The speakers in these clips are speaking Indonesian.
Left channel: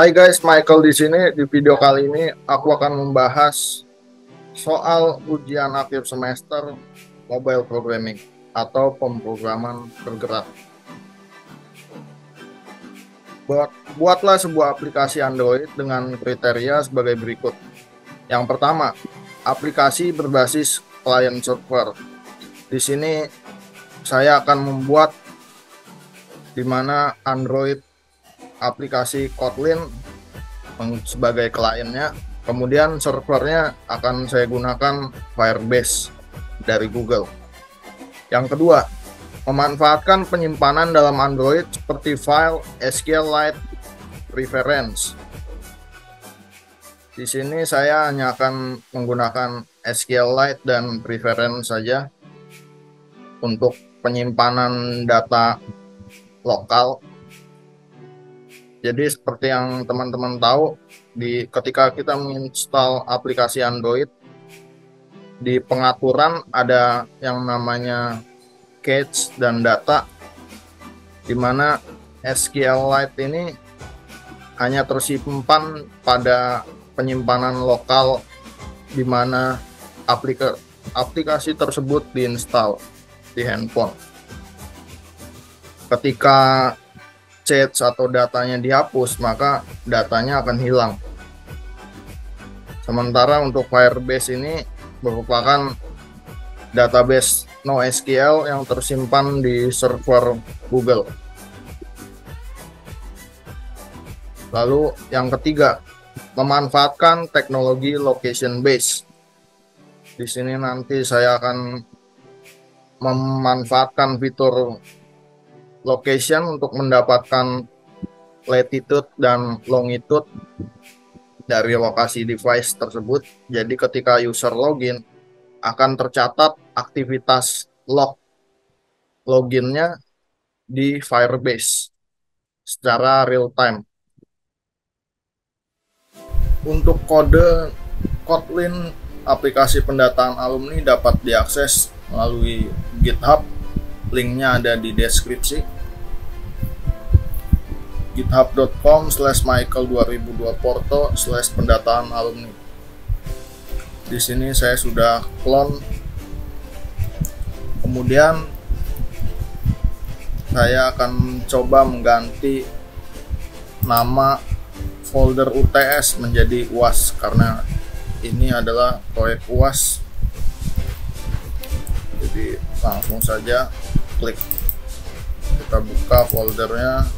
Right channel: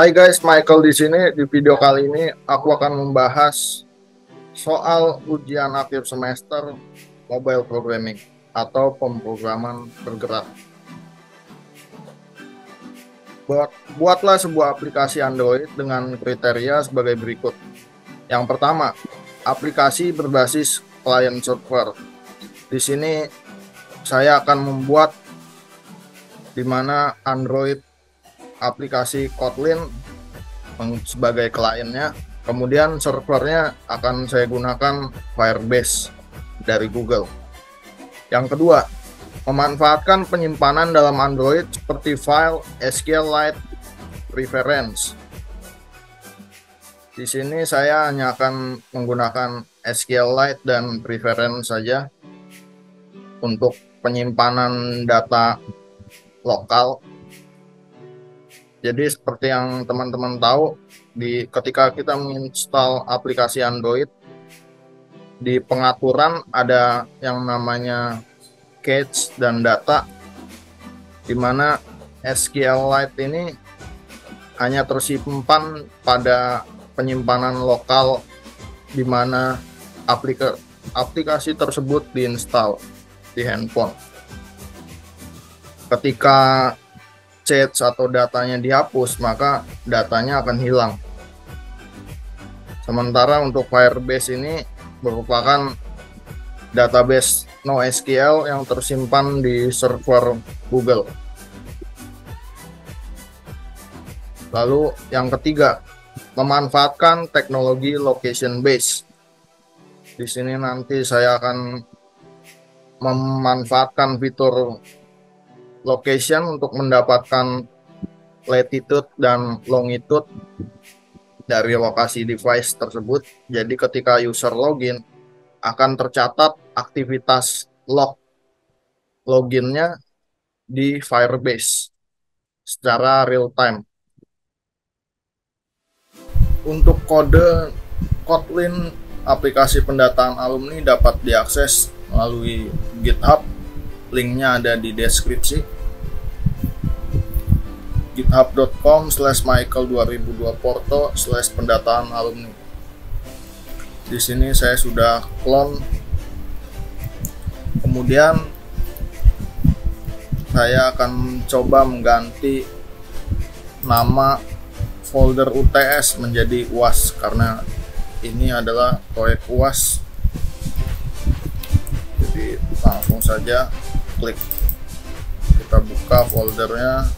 Hai guys, Michael di sini. Di video kali ini aku akan membahas soal ujian akhir semester mobile programming atau pemrograman bergerak. Buatlah sebuah aplikasi Android dengan kriteria sebagai berikut. Yang pertama, aplikasi berbasis client server. Di sini saya akan membuat di mana Android aplikasi Kotlin sebagai kliennya, kemudian servernya akan saya gunakan Firebase dari Google. Yang kedua, memanfaatkan penyimpanan dalam Android seperti file, SQLite, preference. Di sini saya hanya akan menggunakan SQLite dan preference saja untuk penyimpanan data lokal. Jadi seperti yang teman-teman tahu, ketika kita menginstal aplikasi Android, di pengaturan ada yang namanya cache dan data, di mana SQLite ini hanya tersimpan pada penyimpanan lokal di mana aplikasi tersebut diinstal di handphone. Ketika cache atau datanya dihapus, maka datanya akan hilang. Sementara untuk Firebase ini merupakan database NoSQL yang tersimpan di server Google. Lalu yang ketiga, memanfaatkan teknologi location based. Di sini nanti saya akan memanfaatkan fitur location untuk mendapatkan latitude dan longitude dari lokasi device tersebut. Jadi ketika user login akan tercatat aktivitas loginnya di Firebase secara real time. Untuk kode Kotlin aplikasi pendataan alumni dapat diakses melalui GitHub. Linknya ada di deskripsi. github.com/michael2002porto/pendataan alumni. Di sini saya sudah clone. Kemudian saya akan coba mengganti nama folder UTS menjadi UAS karena ini adalah proyek UAS. Jadi langsung saja klik, kita buka foldernya,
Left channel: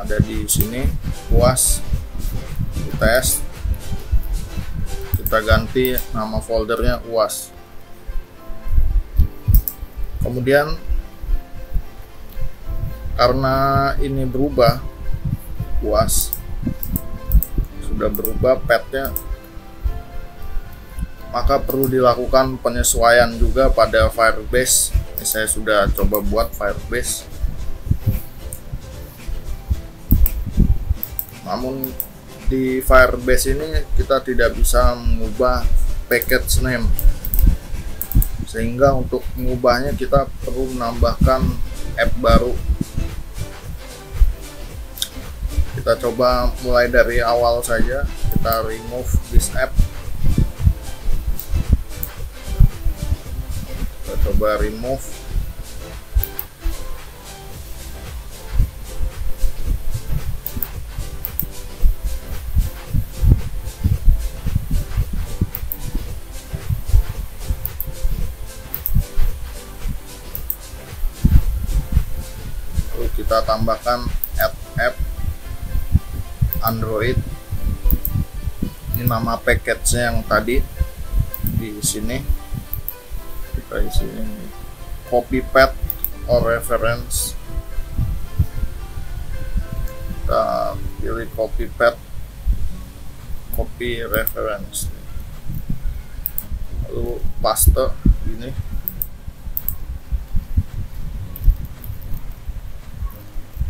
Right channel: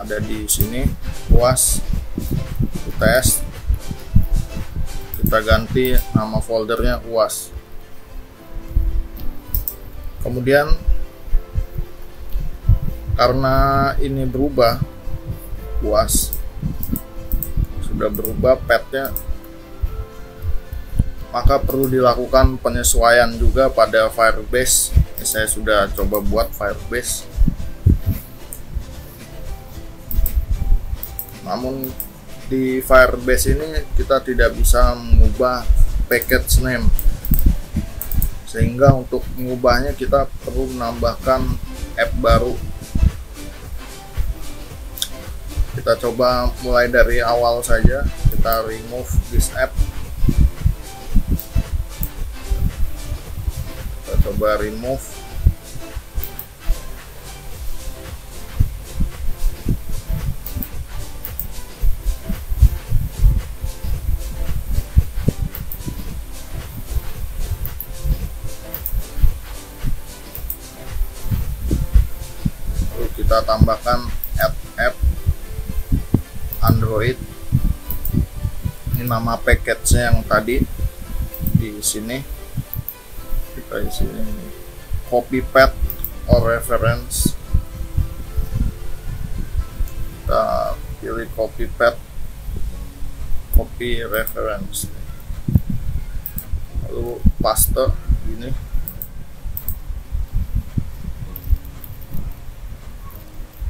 ada di sini UAS UTS. Kita ganti nama foldernya UAS. Kemudian karena ini berubah, UAS sudah berubah pathnya, maka perlu dilakukan penyesuaian juga pada Firebase. Ini saya sudah coba buat Firebase, namun di Firebase ini kita tidak bisa mengubah package name, sehingga untuk mengubahnya kita perlu menambahkan app baru. Kita coba mulai dari awal saja, kita remove this app. Kita coba remove. Lalu kita tambahkan app Android. Ini nama package-nya yang tadi di sini. Kita isi ini copy path or reference. Kita pilih copy path, copy reference. Lalu paste ini.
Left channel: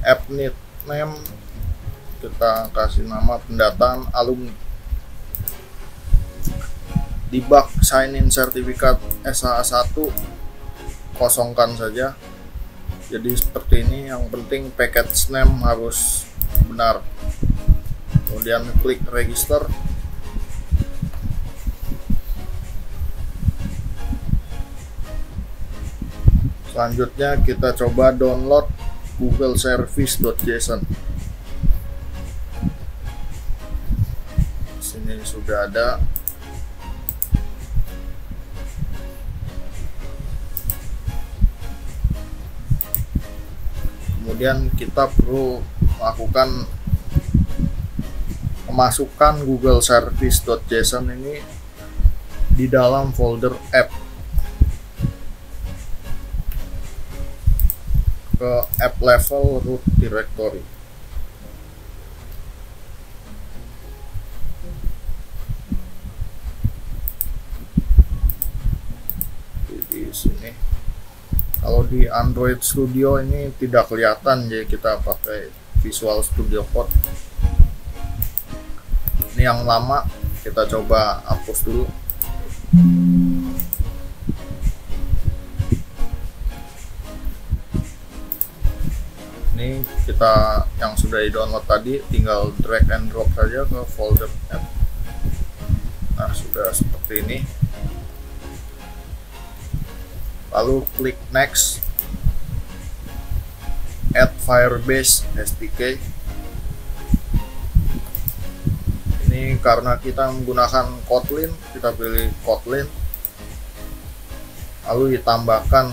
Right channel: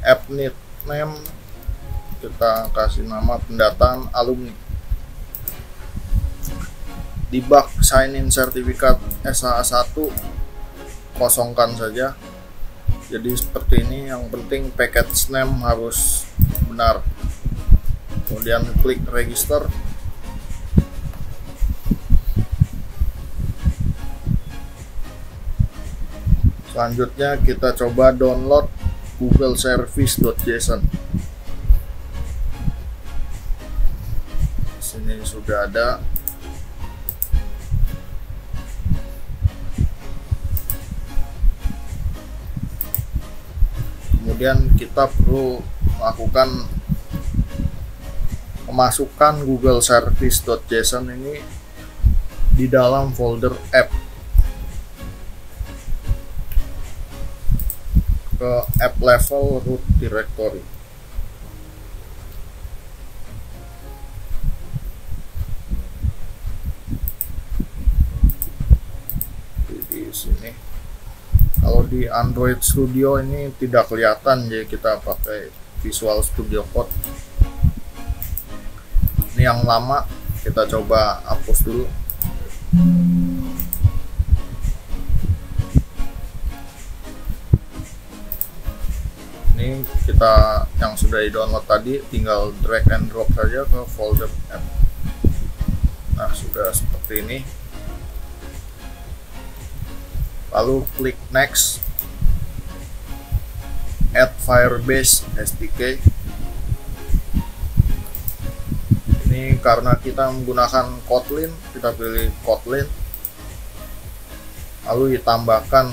App name kita kasih nama pendataan alumni. Debug sign in sertifikat SHA1 kosongkan saja. Jadi seperti ini, yang penting package name harus benar. Kemudian klik register. Selanjutnya kita coba download Google Service.json. Sini sudah ada. Kemudian kita perlu melakukan memasukkan Google Service.json ini di dalam folder app, ke app level root directory. Di sini. Kalau di Android Studio ini tidak kelihatan, jadi kita pakai Visual Studio Code. Ini yang lama, kita coba hapus dulu. Ini kita yang sudah di download tadi, tinggal drag and drop saja ke folder app. Nah, sudah seperti ini. Lalu klik next, add Firebase SDK. Ini karena kita menggunakan Kotlin, kita pilih Kotlin, lalu ditambahkan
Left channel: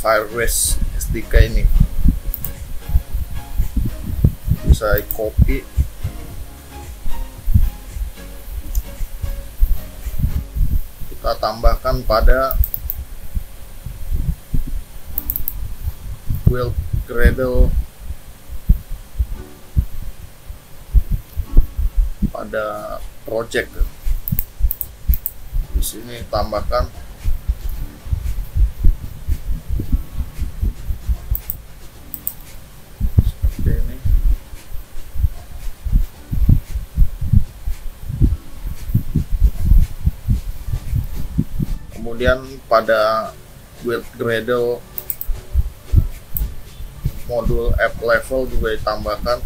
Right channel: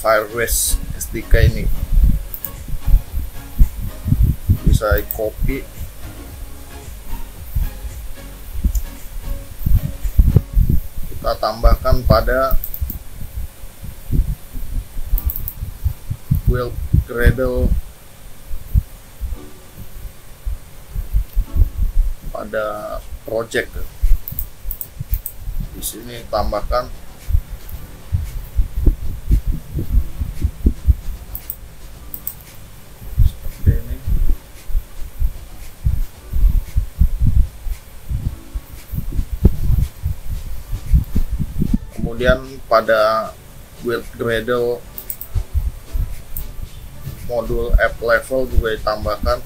Firebase SDK ini. Bisa copy, kita tambahkan pada build Gradle, pada project. Di sini tambahkan seperti ini. Kemudian pada build Gradle modul app level juga ditambahkan.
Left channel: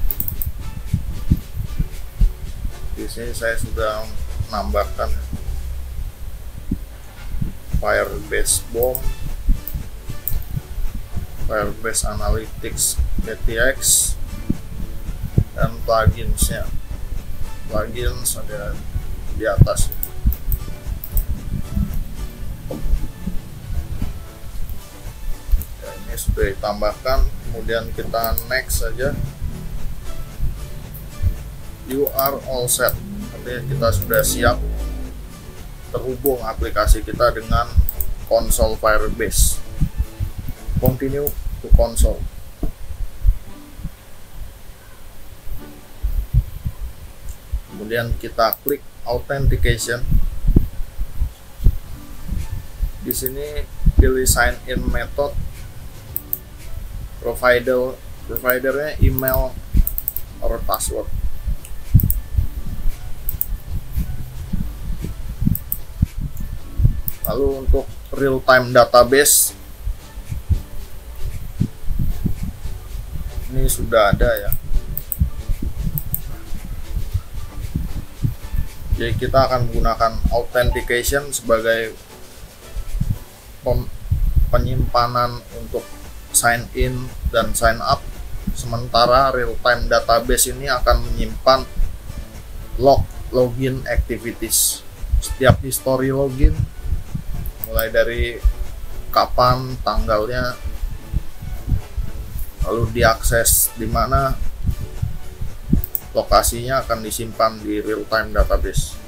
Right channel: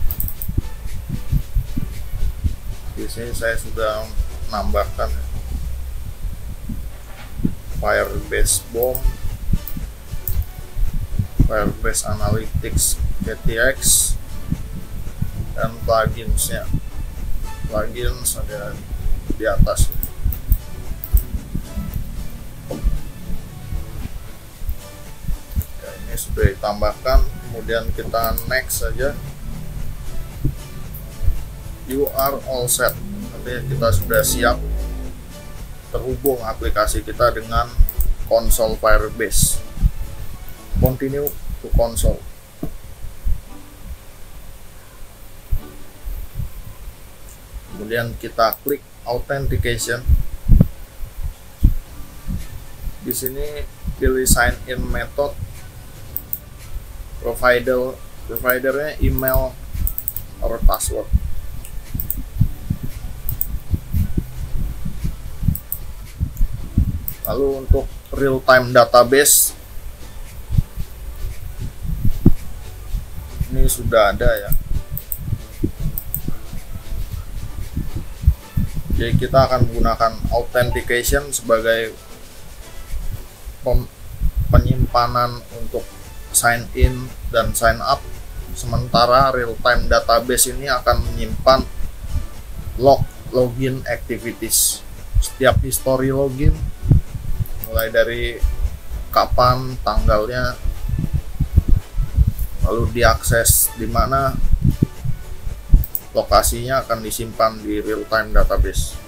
Di sini saya sudah menambahkan Firebase BOM, Firebase Analytics GTX, dan pluginsnya. Plugins ada di atas. Ya, ini sudah ditambahkan. Kemudian kita next saja. You are all set. Artinya kita sudah siap terhubung aplikasi kita dengan konsol Firebase. Continue to console. Kemudian kita klik authentication. Di sini pilih sign in method. Providernya email or password. Lalu untuk real time database ini sudah ada ya. Jadi kita akan menggunakan authentication sebagai penyimpanan untuk sign in dan sign up, sementara real time database ini akan menyimpan login activities, setiap history login mulai dari kapan, tanggalnya, lalu diakses di mana, lokasinya akan disimpan di real time database.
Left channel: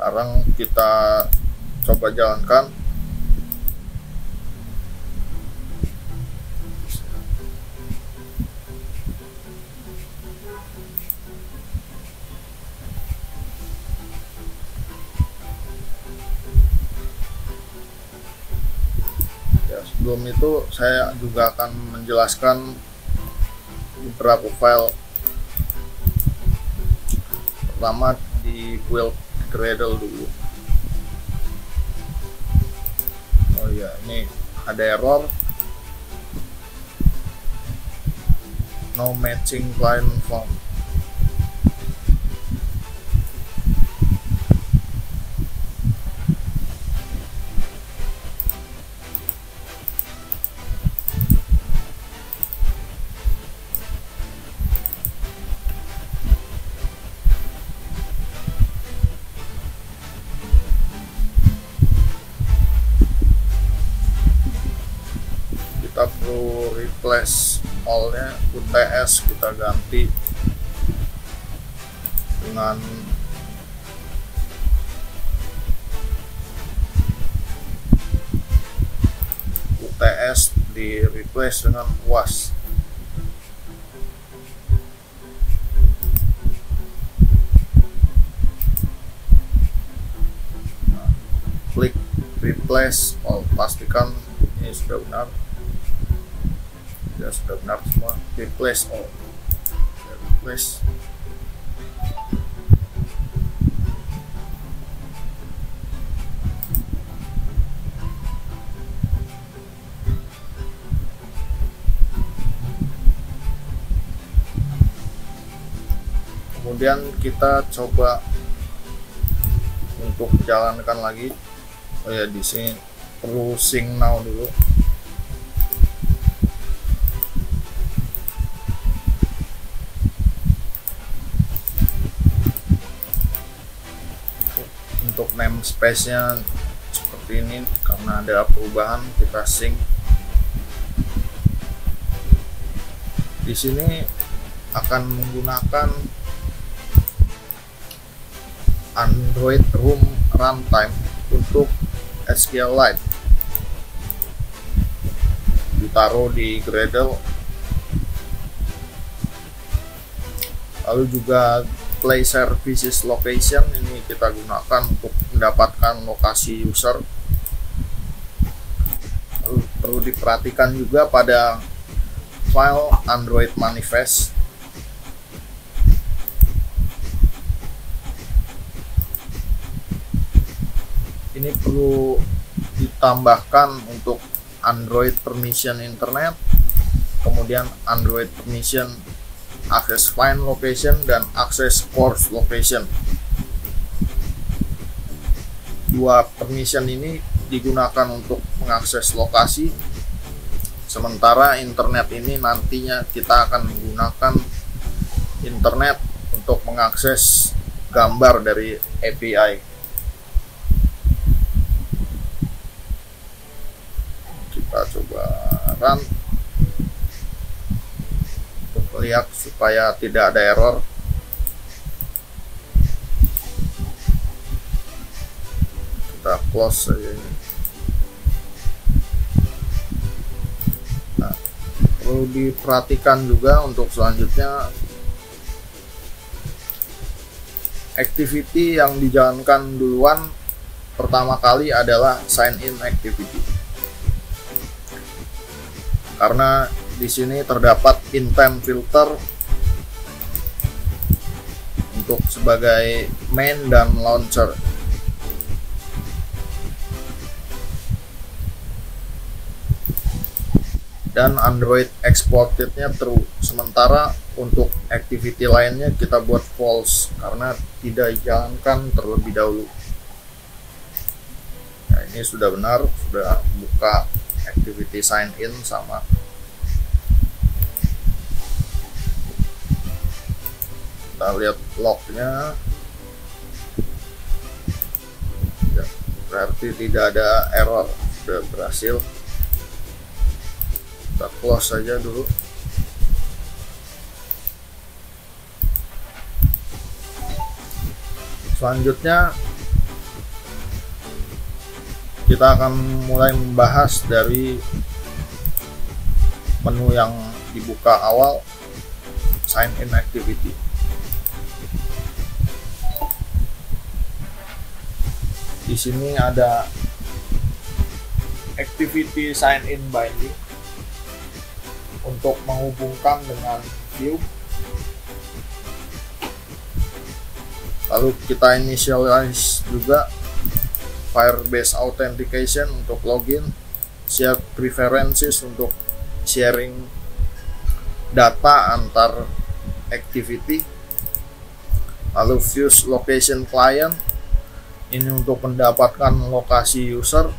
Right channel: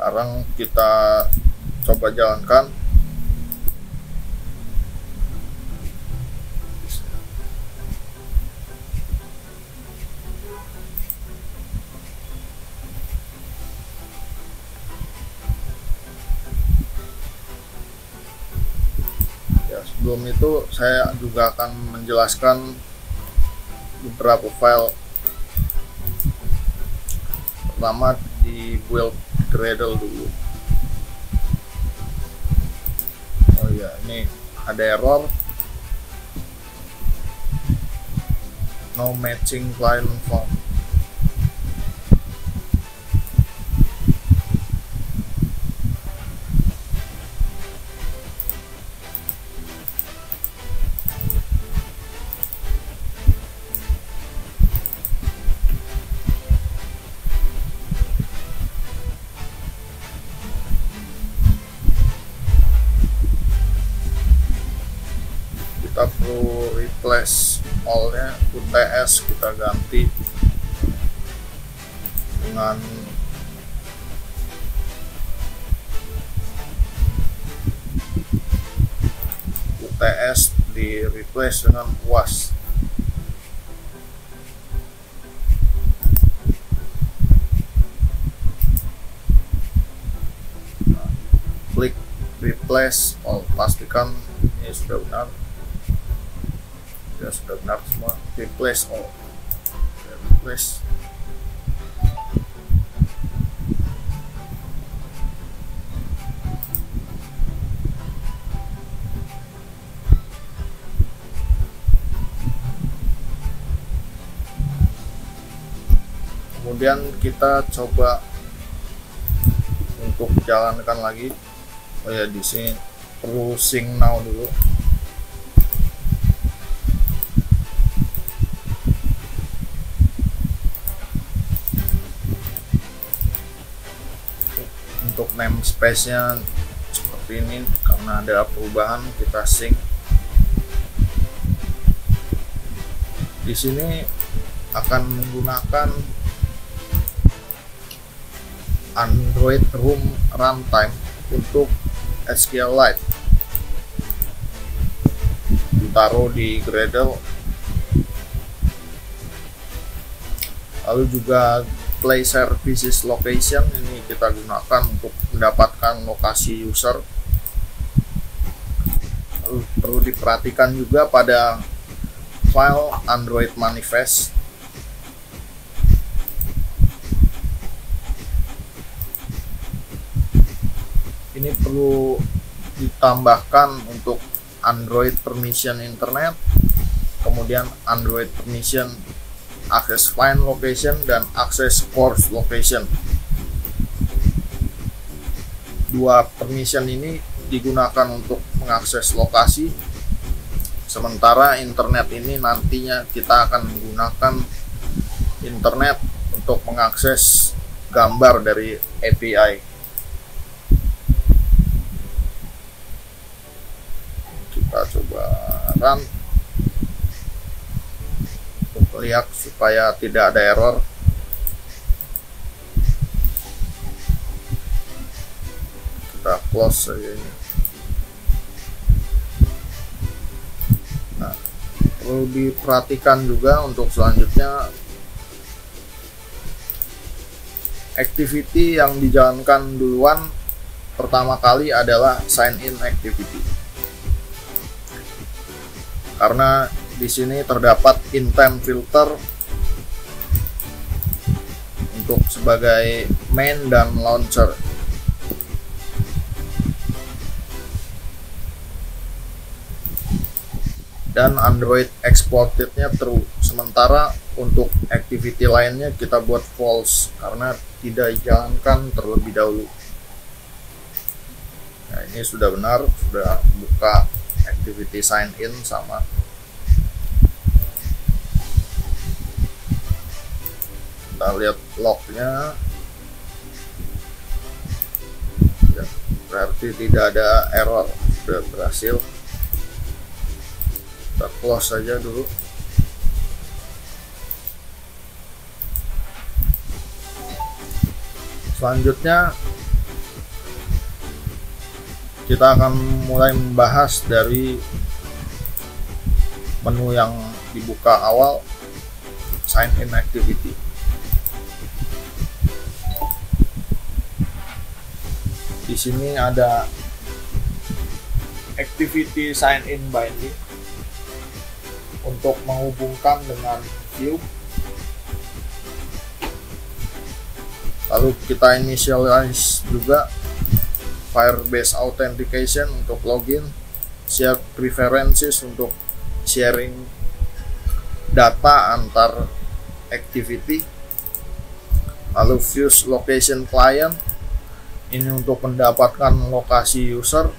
Sekarang kita coba jalankan. Ya, sebelum itu saya juga akan menjelaskan beberapa file pertama di build Gradle dulu. Oh ya, ini ada error, no matching client form. Kita perlu replace all-nya, UTS kita ganti dengan UTS di replace dengan UAS. Nah, klik replace all, pastikan ini sudah benar. Ya, sudah benar semua. Replace all. Ya, replace. Kemudian kita coba untuk jalankan lagi. Oh ya, di sini perlu sync now dulu. Untuk namespace-nya seperti ini, karena ada perubahan kita sync. Di sini akan menggunakan Android Room Runtime untuk SQLite. Ditaruh di Gradle. Lalu juga Play Services Location ini kita gunakan untuk mendapatkan lokasi user. Lalu perlu diperhatikan juga pada file Android Manifest. Ini perlu ditambahkan untuk Android Permission Internet, kemudian Android Permission Access Find Location dan Access Course Location. Dua permission ini digunakan untuk mengakses lokasi, sementara internet ini nantinya kita akan menggunakan internet untuk mengakses gambar dari API. Kita coba run untuk lihat supaya tidak ada error. Kita close saja ini. Nah, perlu diperhatikan juga untuk selanjutnya activity yang dijalankan duluan pertama kali adalah sign in activity. Karena di sini terdapat intent filter untuk sebagai main dan launcher. Dan Android exported-nya true. Sementara untuk activity lainnya kita buat false karena tidak dijalankan terlebih dahulu. Nah, ini sudah benar, sudah buka activity sign in sama. Kita lihat lognya ya, berarti tidak ada error, sudah berhasil. Kita close saja dulu. Selanjutnya kita akan mulai membahas dari menu yang dibuka awal, sign in activity. Di sini ada activity sign in binding untuk menghubungkan dengan view. Lalu kita initialize juga Firebase Authentication untuk login, share preferences untuk sharing data antar activity, lalu fuse location client ini untuk mendapatkan lokasi user,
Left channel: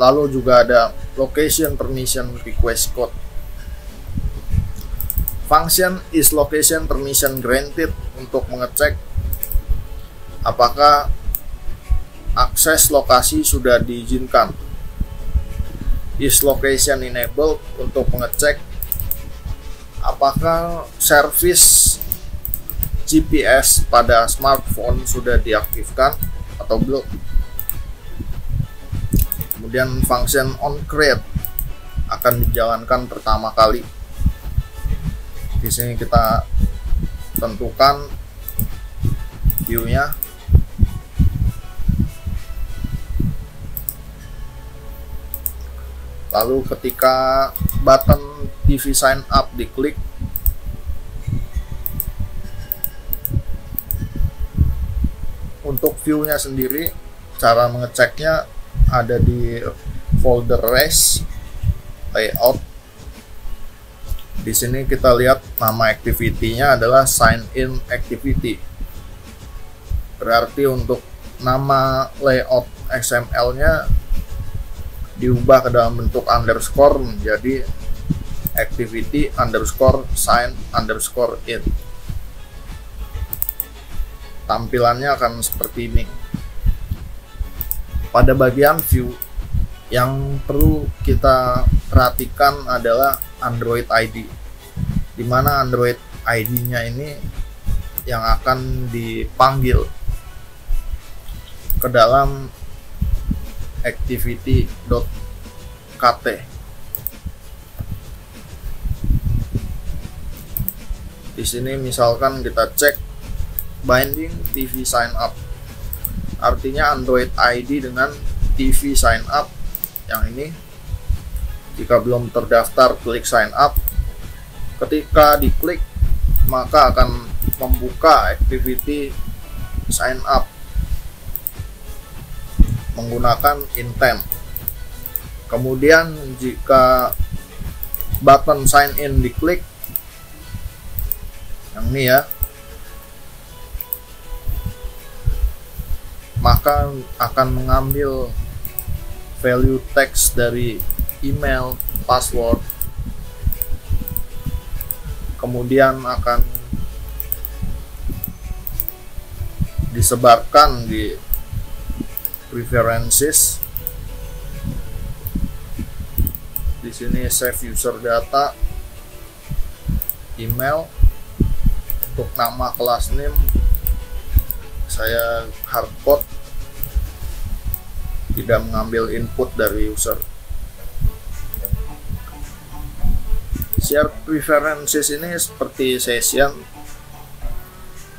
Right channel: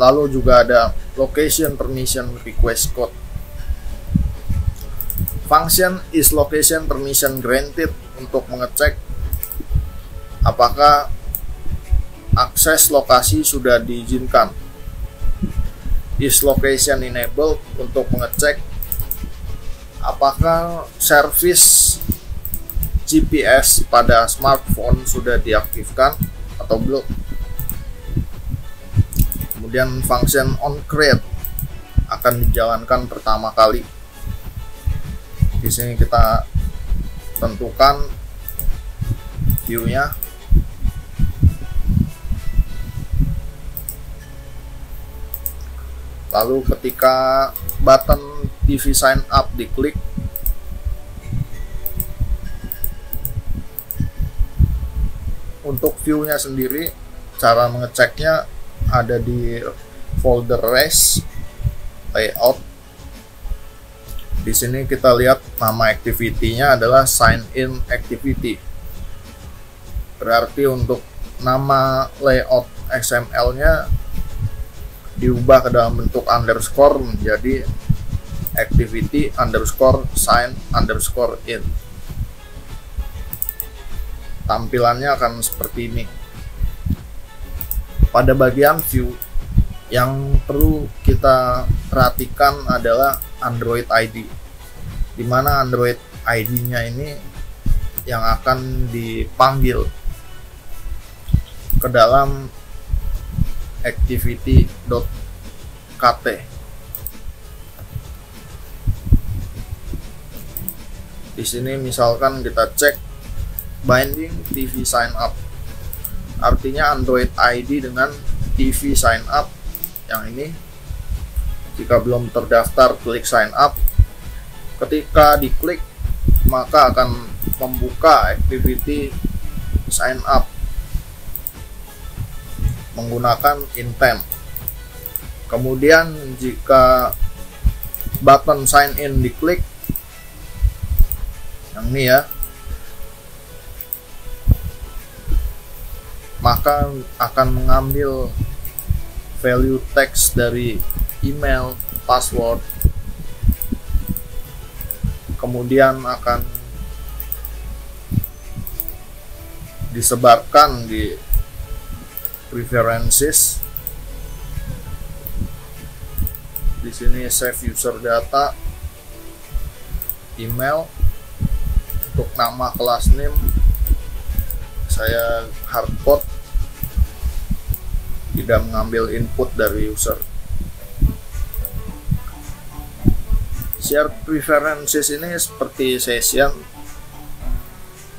lalu juga ada location permission request code. Function is location permission granted untuk mengecek apakah akses lokasi sudah diizinkan. Is location enabled untuk mengecek apakah service GPS pada smartphone sudah diaktifkan atau belum. Kemudian function onCreate akan dijalankan pertama kali. Di sini kita tentukan view-nya. Lalu ketika button TV sign up diklik, untuk view-nya sendiri cara mengeceknya ada di folder REST layout. Di sini kita lihat nama activity-nya adalah sign in activity. Berarti untuk nama layout XML-nya diubah ke dalam bentuk underscore menjadi activity underscore sign underscore in. Tampilannya akan seperti ini. Pada bagian view yang perlu kita perhatikan adalah Android ID, di mana Android ID-nya ini yang akan dipanggil ke dalam activity.kt. Di sini misalkan kita cek binding TV sign up, artinya Android ID dengan TV sign up yang ini. Jika belum terdaftar, klik sign up. Ketika diklik, maka akan membuka activity sign up menggunakan intent. Kemudian jika button sign in diklik, yang ini ya, maka akan mengambil value text dari email, password, kemudian akan disebarkan di preferences. Di sini save user data, email, untuk nama kelas name saya hardcode, tidak mengambil input dari user. Share preferences ini seperti session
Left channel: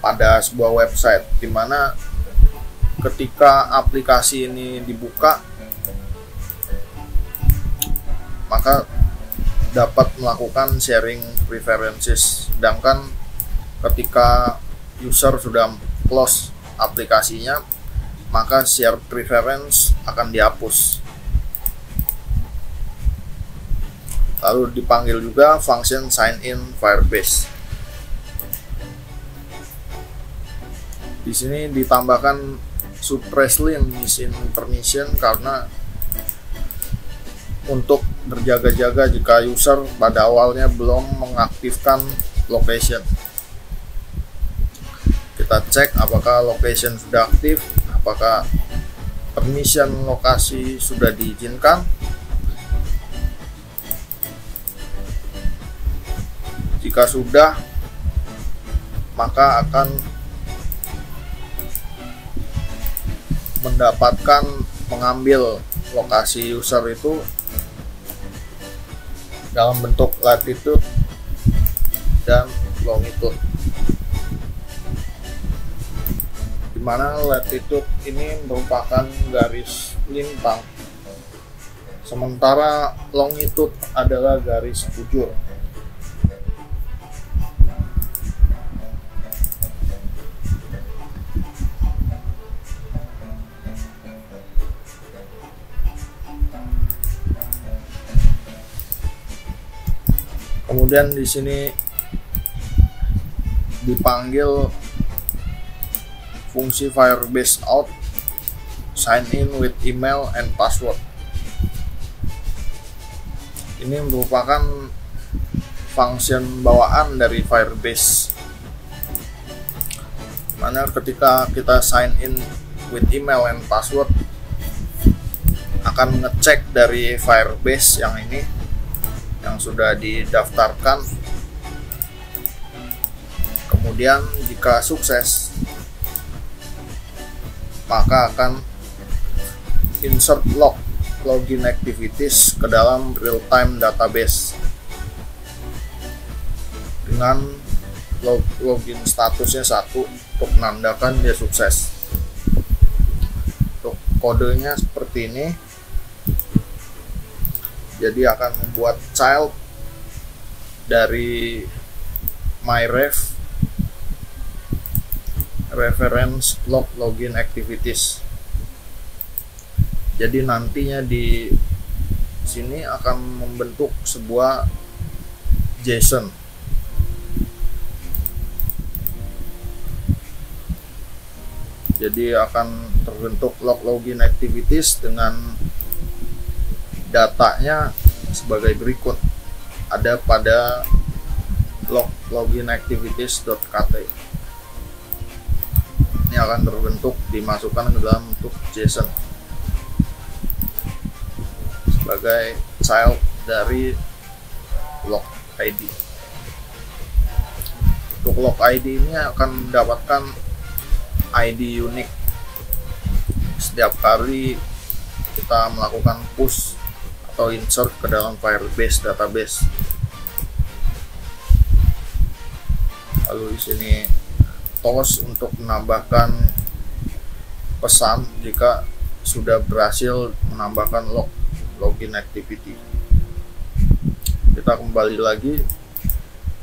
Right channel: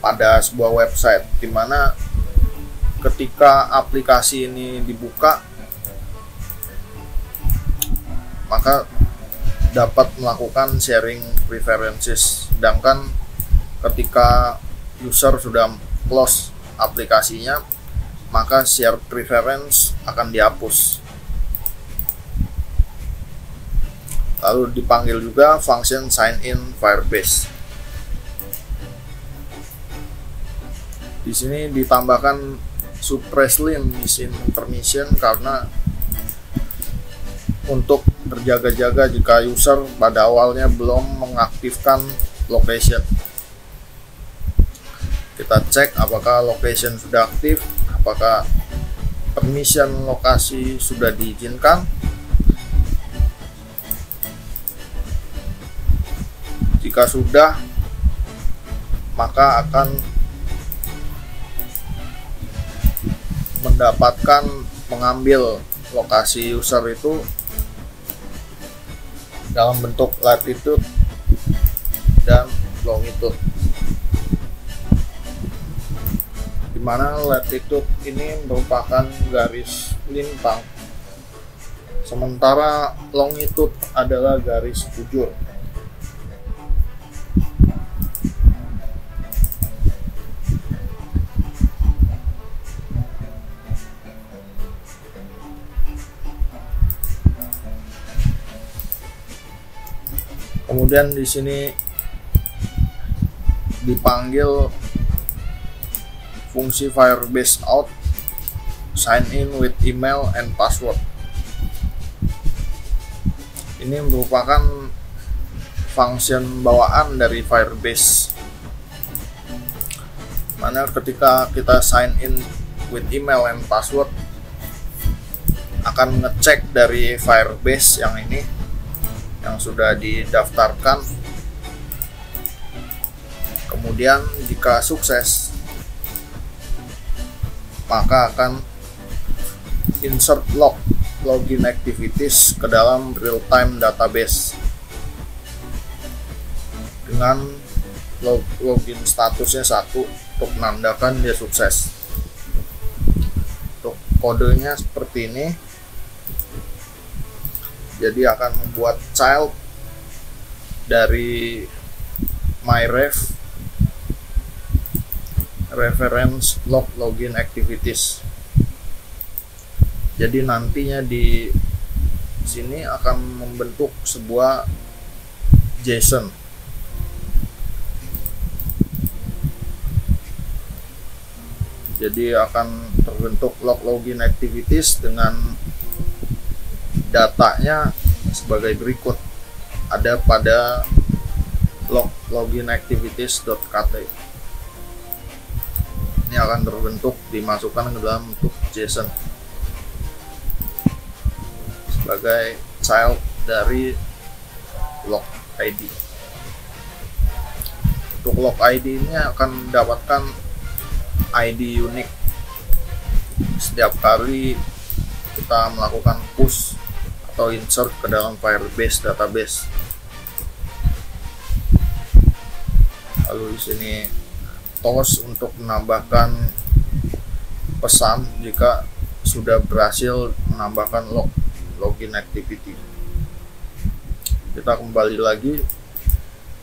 pada sebuah website, di mana ketika aplikasi ini dibuka, maka dapat melakukan sharing preferences. Sedangkan ketika user sudah close aplikasinya, maka share preference akan dihapus. Lalu dipanggil juga function sign in Firebase. Di sini ditambahkan suppresslin missing permission karena untuk berjaga-jaga jika user pada awalnya belum mengaktifkan location. Kita cek apakah location sudah aktif, apakah permission lokasi sudah diizinkan. Jika sudah, maka akan mendapatkan mengambil lokasi user itu dalam bentuk latitude dan longitude, di mana latitude ini merupakan garis lintang, sementara longitude adalah garis bujur. Kemudian di sini dipanggil fungsi Firebase out sign in with email and password. Ini merupakan function bawaan dari Firebase, mana ketika kita sign in with email and password akan ngecek dari Firebase yang ini yang sudah didaftarkan. Kemudian jika sukses, maka akan insert login activities ke dalam real-time database dengan login statusnya 1 untuk menandakan dia sukses. Untuk kodenya seperti ini. Jadi akan membuat child dari myref reference login activities. Jadi nantinya di sini akan membentuk sebuah JSON. Jadi akan terbentuk login activities dengan datanya sebagai berikut. Ada pada login activities.kt. Ini akan terbentuk, dimasukkan ke dalam bentuk JSON sebagai child dari log ID. Untuk log ID ini akan mendapatkan ID unik setiap kali kita melakukan push atau insert ke dalam Firebase database. Lalu di sini toast untuk menambahkan pesan jika sudah berhasil menambahkan login activity. Kita kembali lagi,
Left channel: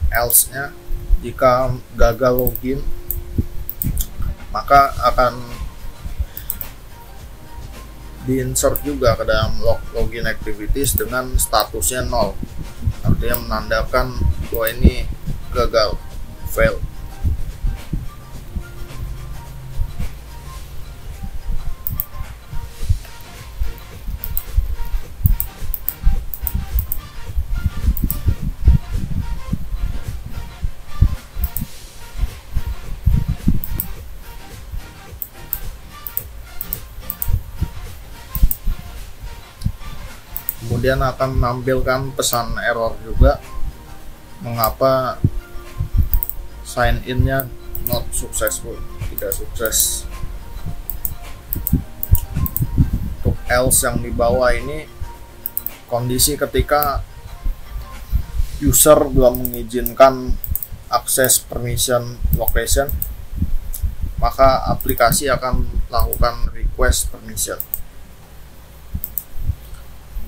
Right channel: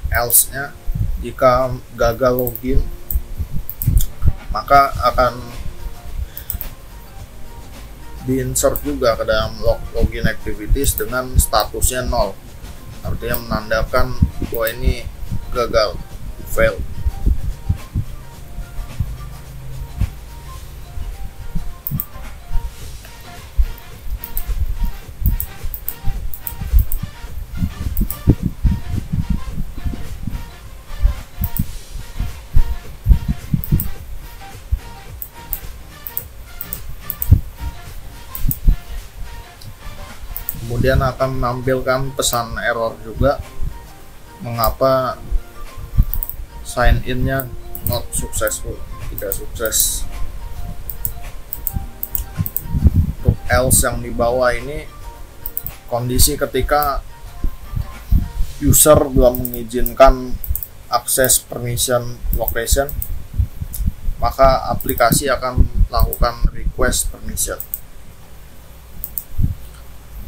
else-nya jika gagal login maka akan di-insert juga ke dalam login activities dengan statusnya 0. Artinya menandakan bahwa ini gagal, fail. Kemudian akan menampilkan pesan error juga, mengapa sign in-nya not successful, tidak sukses. Untuk else yang di bawah ini kondisi ketika user belum mengizinkan akses permission location, maka aplikasi akan melakukan request permission,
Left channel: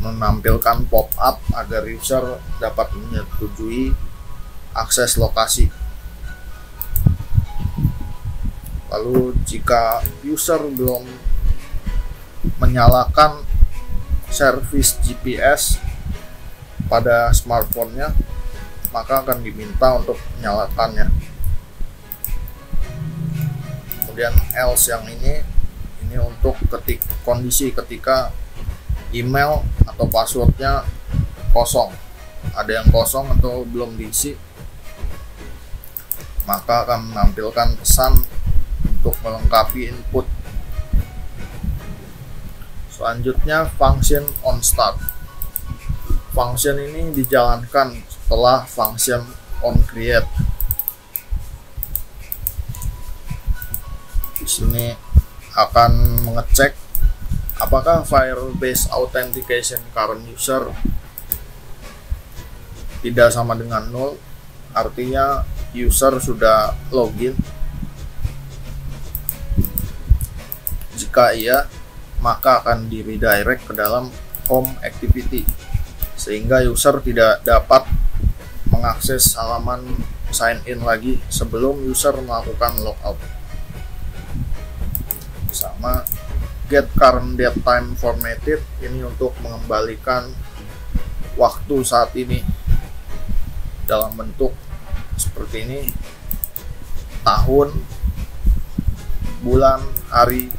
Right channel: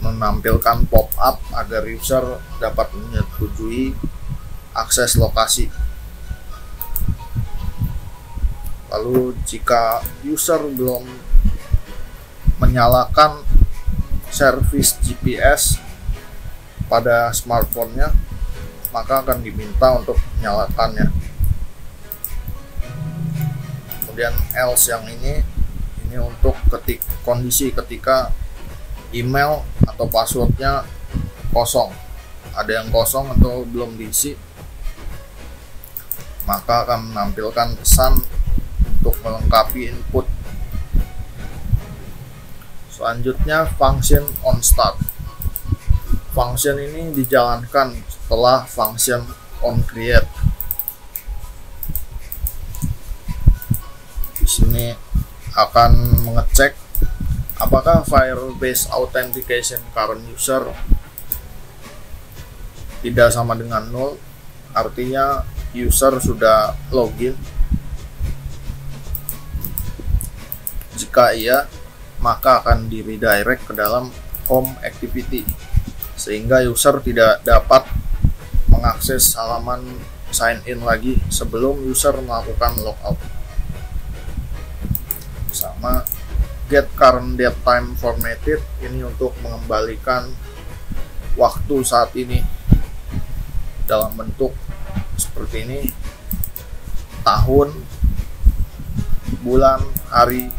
menampilkan pop-up agar user dapat menyetujui akses lokasi. Lalu jika user belum menyalakan service GPS pada smartphone-nya, maka akan diminta untuk menyalakannya. Kemudian else yang ini untuk kondisi ketika email atau passwordnya kosong, ada yang kosong atau belum diisi, maka akan menampilkan pesan untuk melengkapi input. Selanjutnya function onStart. Function ini dijalankan setelah function onCreate. Di sini akan mengecek apakah Firebase authentication current user tidak sama dengan 0, artinya user sudah login. Jika iya, maka akan di redirect ke dalam home activity sehingga user tidak dapat mengakses halaman sign in lagi sebelum user melakukan logout. Sama get current date time formatted, ini untuk mengembalikan waktu saat ini. dalam bentuk seperti ini: tahun, bulan, hari,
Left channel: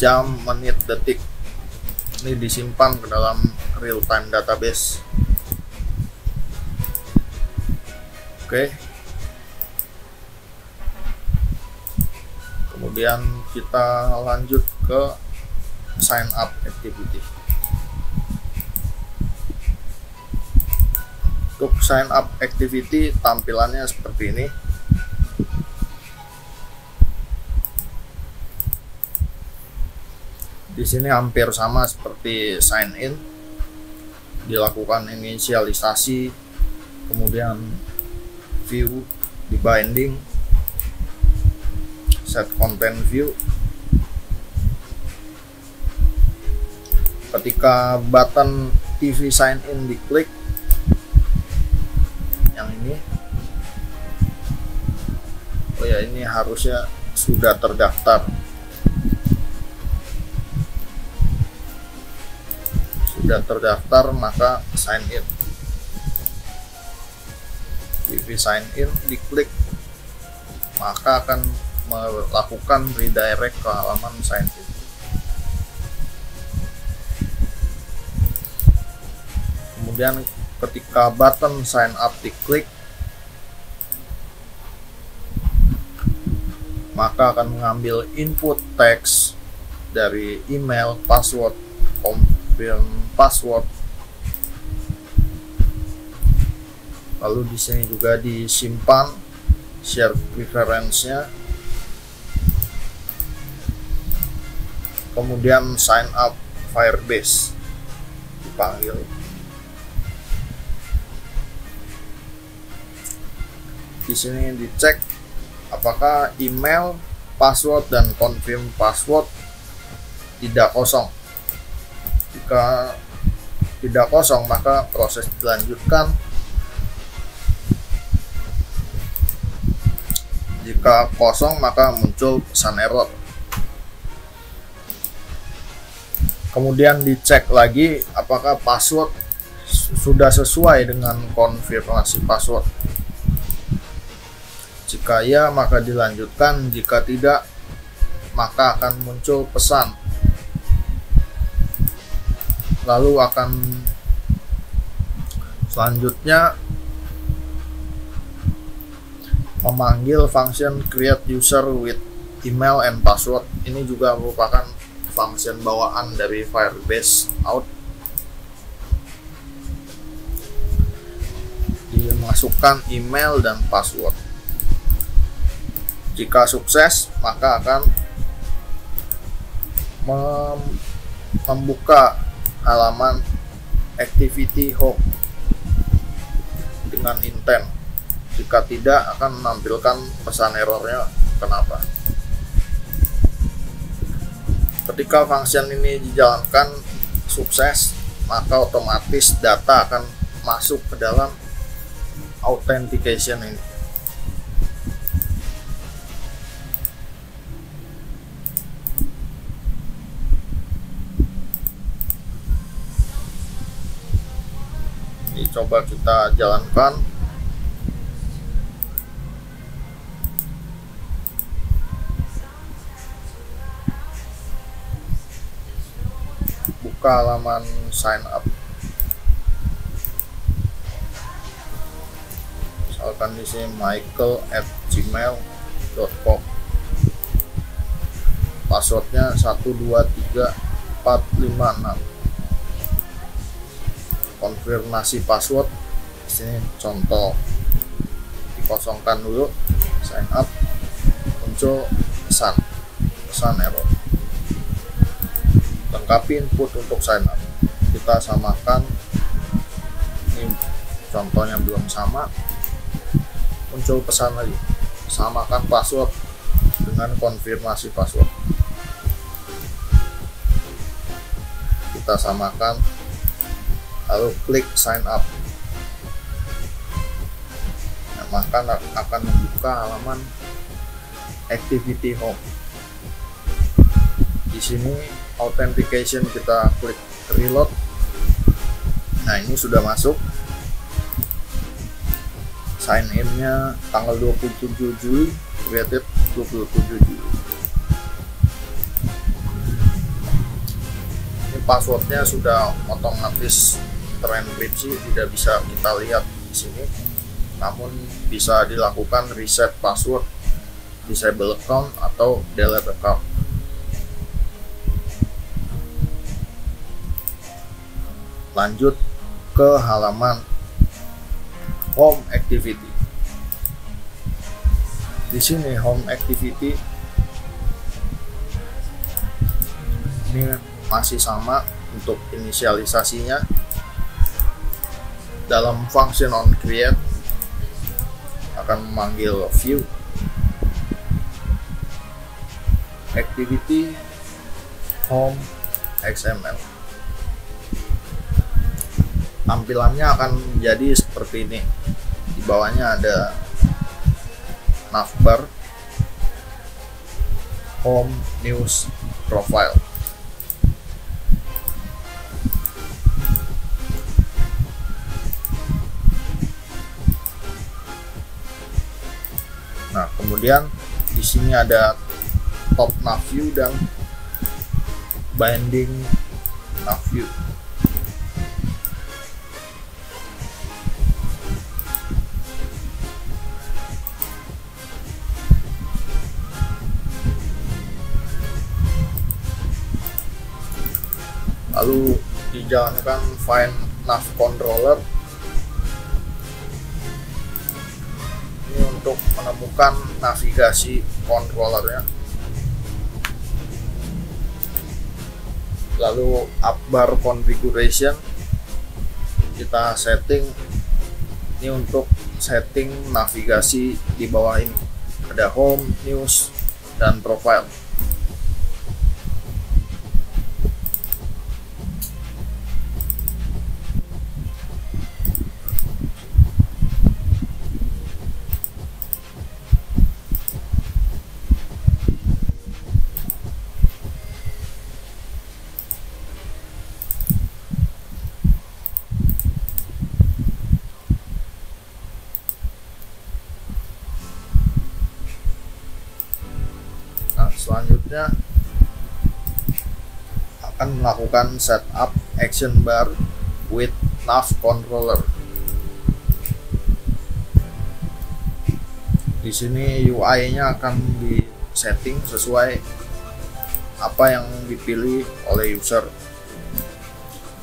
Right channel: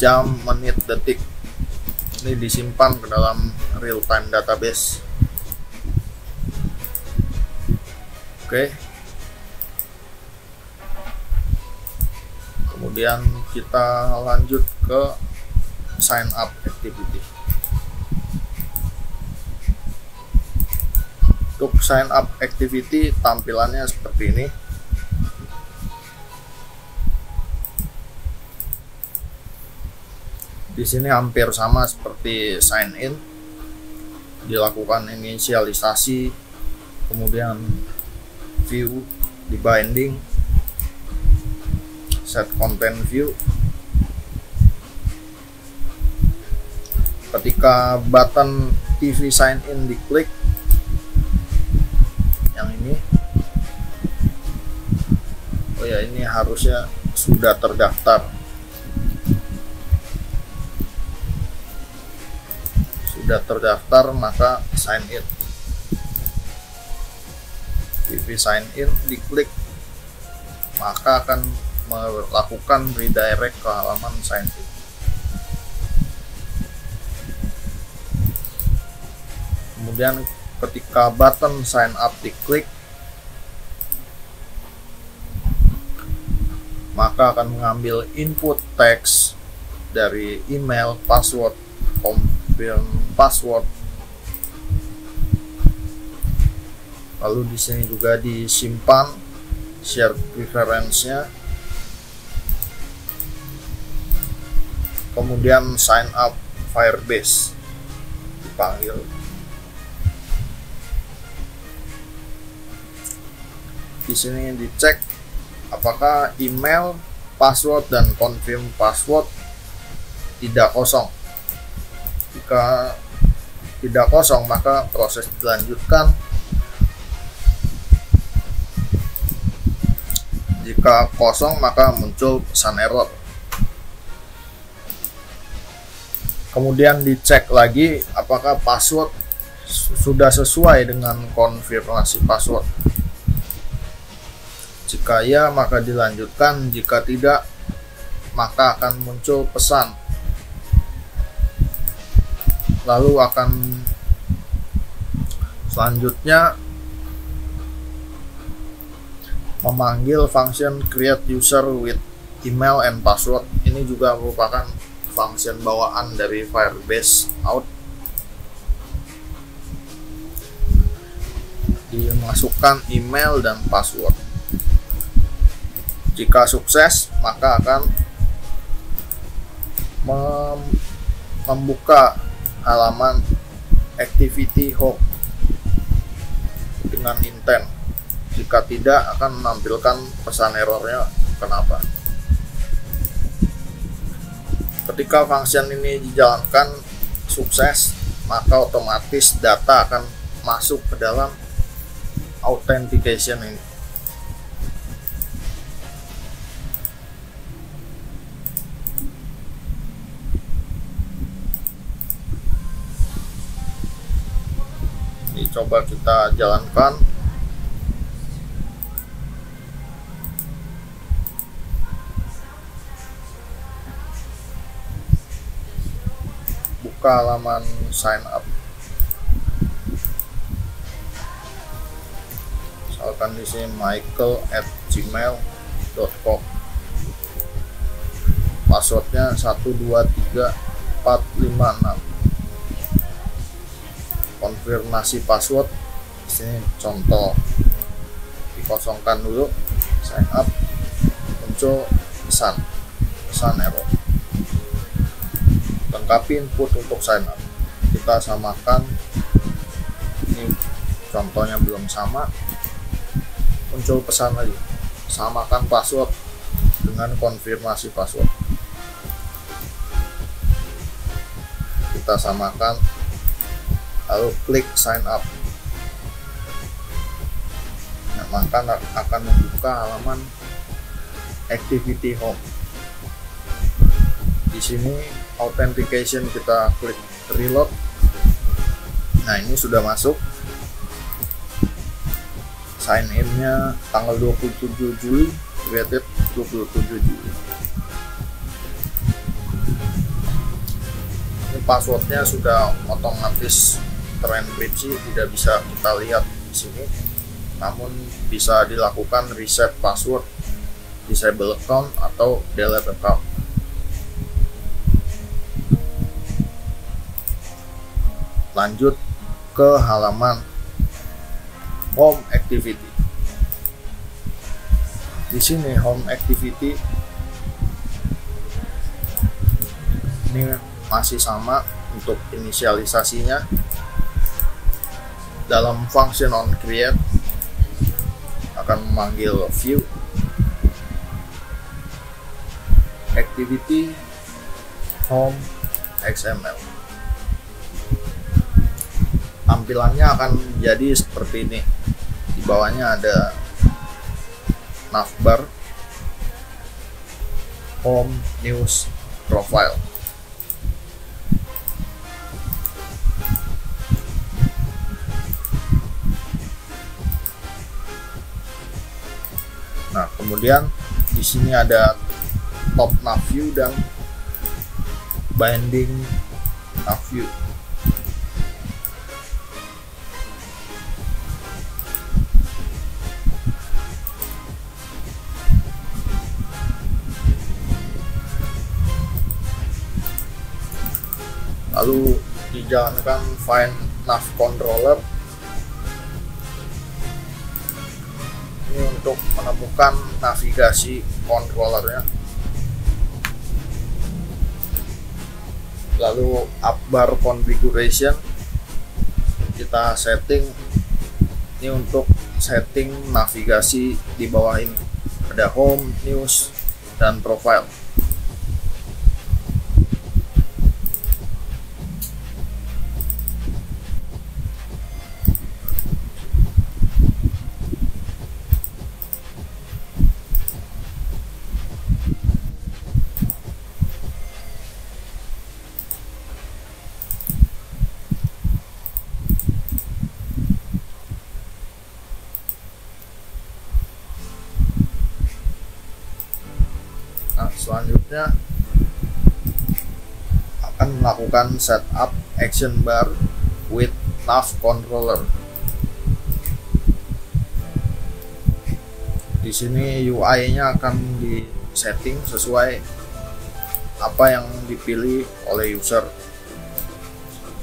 jam, menit, detik. Ini disimpan ke dalam real time database. Oke. Kemudian kita lanjut ke sign up activity. Untuk sign up activity tampilannya seperti ini. Di sini hampir sama seperti sign in. Dilakukan inisialisasi, kemudian view, di binding, set content view. Ketika button TV sign in diklik, yang ini, oh ya, ini harusnya sudah terdaftar. Sudah terdaftar, maka sign in. TV sign in diklik, maka akan melakukan redirect ke halaman sign in. Kemudian ketika button sign up diklik, maka akan mengambil input teks dari email, password, confirm password. Lalu di sini juga disimpan share preference-nya. Kemudian sign up Firebase dipanggil. Di sini dicek apakah email, password, dan confirm password tidak kosong. Jika tidak kosong, maka proses dilanjutkan. Jika kosong, maka muncul pesan error. Kemudian dicek lagi apakah password sudah sesuai dengan konfirmasi password. Jika ya, maka dilanjutkan. Jika tidak, maka akan muncul pesan. Lalu akan selanjutnya memanggil function create user with email and password. Ini juga merupakan function bawaan dari Firebase out. Dimasukkan email dan password. Jika sukses, maka akan membuka halaman activity home dengan intent. Jika tidak, akan menampilkan pesan errornya kenapa. Ketika function ini dijalankan sukses, maka otomatis data akan masuk ke dalam authentication ini. Ini coba kita jalankan. Buka halaman sign up. Misalkan di sini michael@gmail.com. Passwordnya 123456. Konfirmasi password. Di sini contoh, dikosongkan dulu, sign up, muncul pesan error. Lengkapi input untuk sign up. Kita samakan. Ini contohnya belum sama, muncul pesan lagi, samakan password dengan konfirmasi password. Kita samakan, lalu klik sign up. Nah, maka akan membuka halaman activity home. Di sini authentication, kita klik reload. Nah, ini sudah masuk. sign in-nya tanggal 27 Juli, created 27 Juli. Ini passwordnya sudah otomatis terenkripsi, tidak bisa kita lihat di sini, namun bisa dilakukan reset password, disable account atau delete account. Lanjut ke halaman home activity. Di sini home activity ini masih sama untuk inisialisasinya. Dalam function on create akan memanggil view activity home XML. Tampilannya akan menjadi seperti ini. Di bawahnya ada navbar, home, news, profile. Nah, kemudian di sini ada top nav view dan binding nav view. Lalu dijalankan find nav controller. Ini untuk menemukan navigasi controllernya. Lalu upbar configuration, kita setting ini untuk setting navigasi di bawah ini. Ada home, news, dan profile. Nah, selanjutnya akan melakukan setup action bar with nav controller. Di sini UI-nya akan disetting sesuai apa yang dipilih oleh user.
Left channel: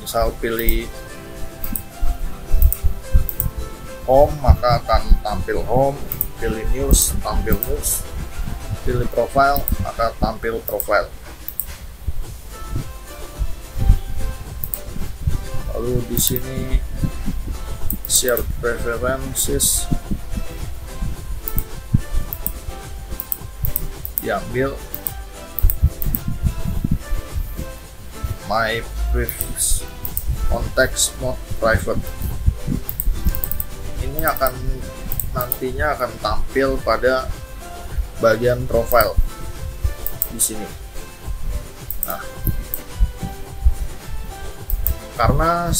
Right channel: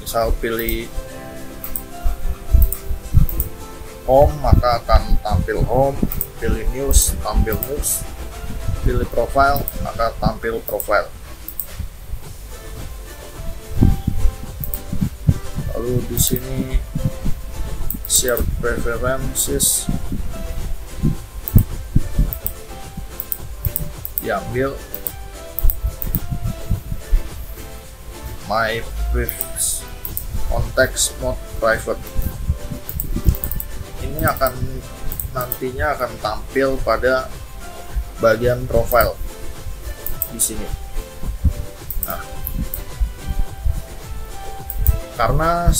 Misal pilih home, maka akan tampil home. Pilih news, tampil news. Pilih profile, maka tampil profile. Lalu di sini shared preferences diambil, my prefix context mode private. Ini nantinya akan tampil pada bagian profile di sini. Nah, karena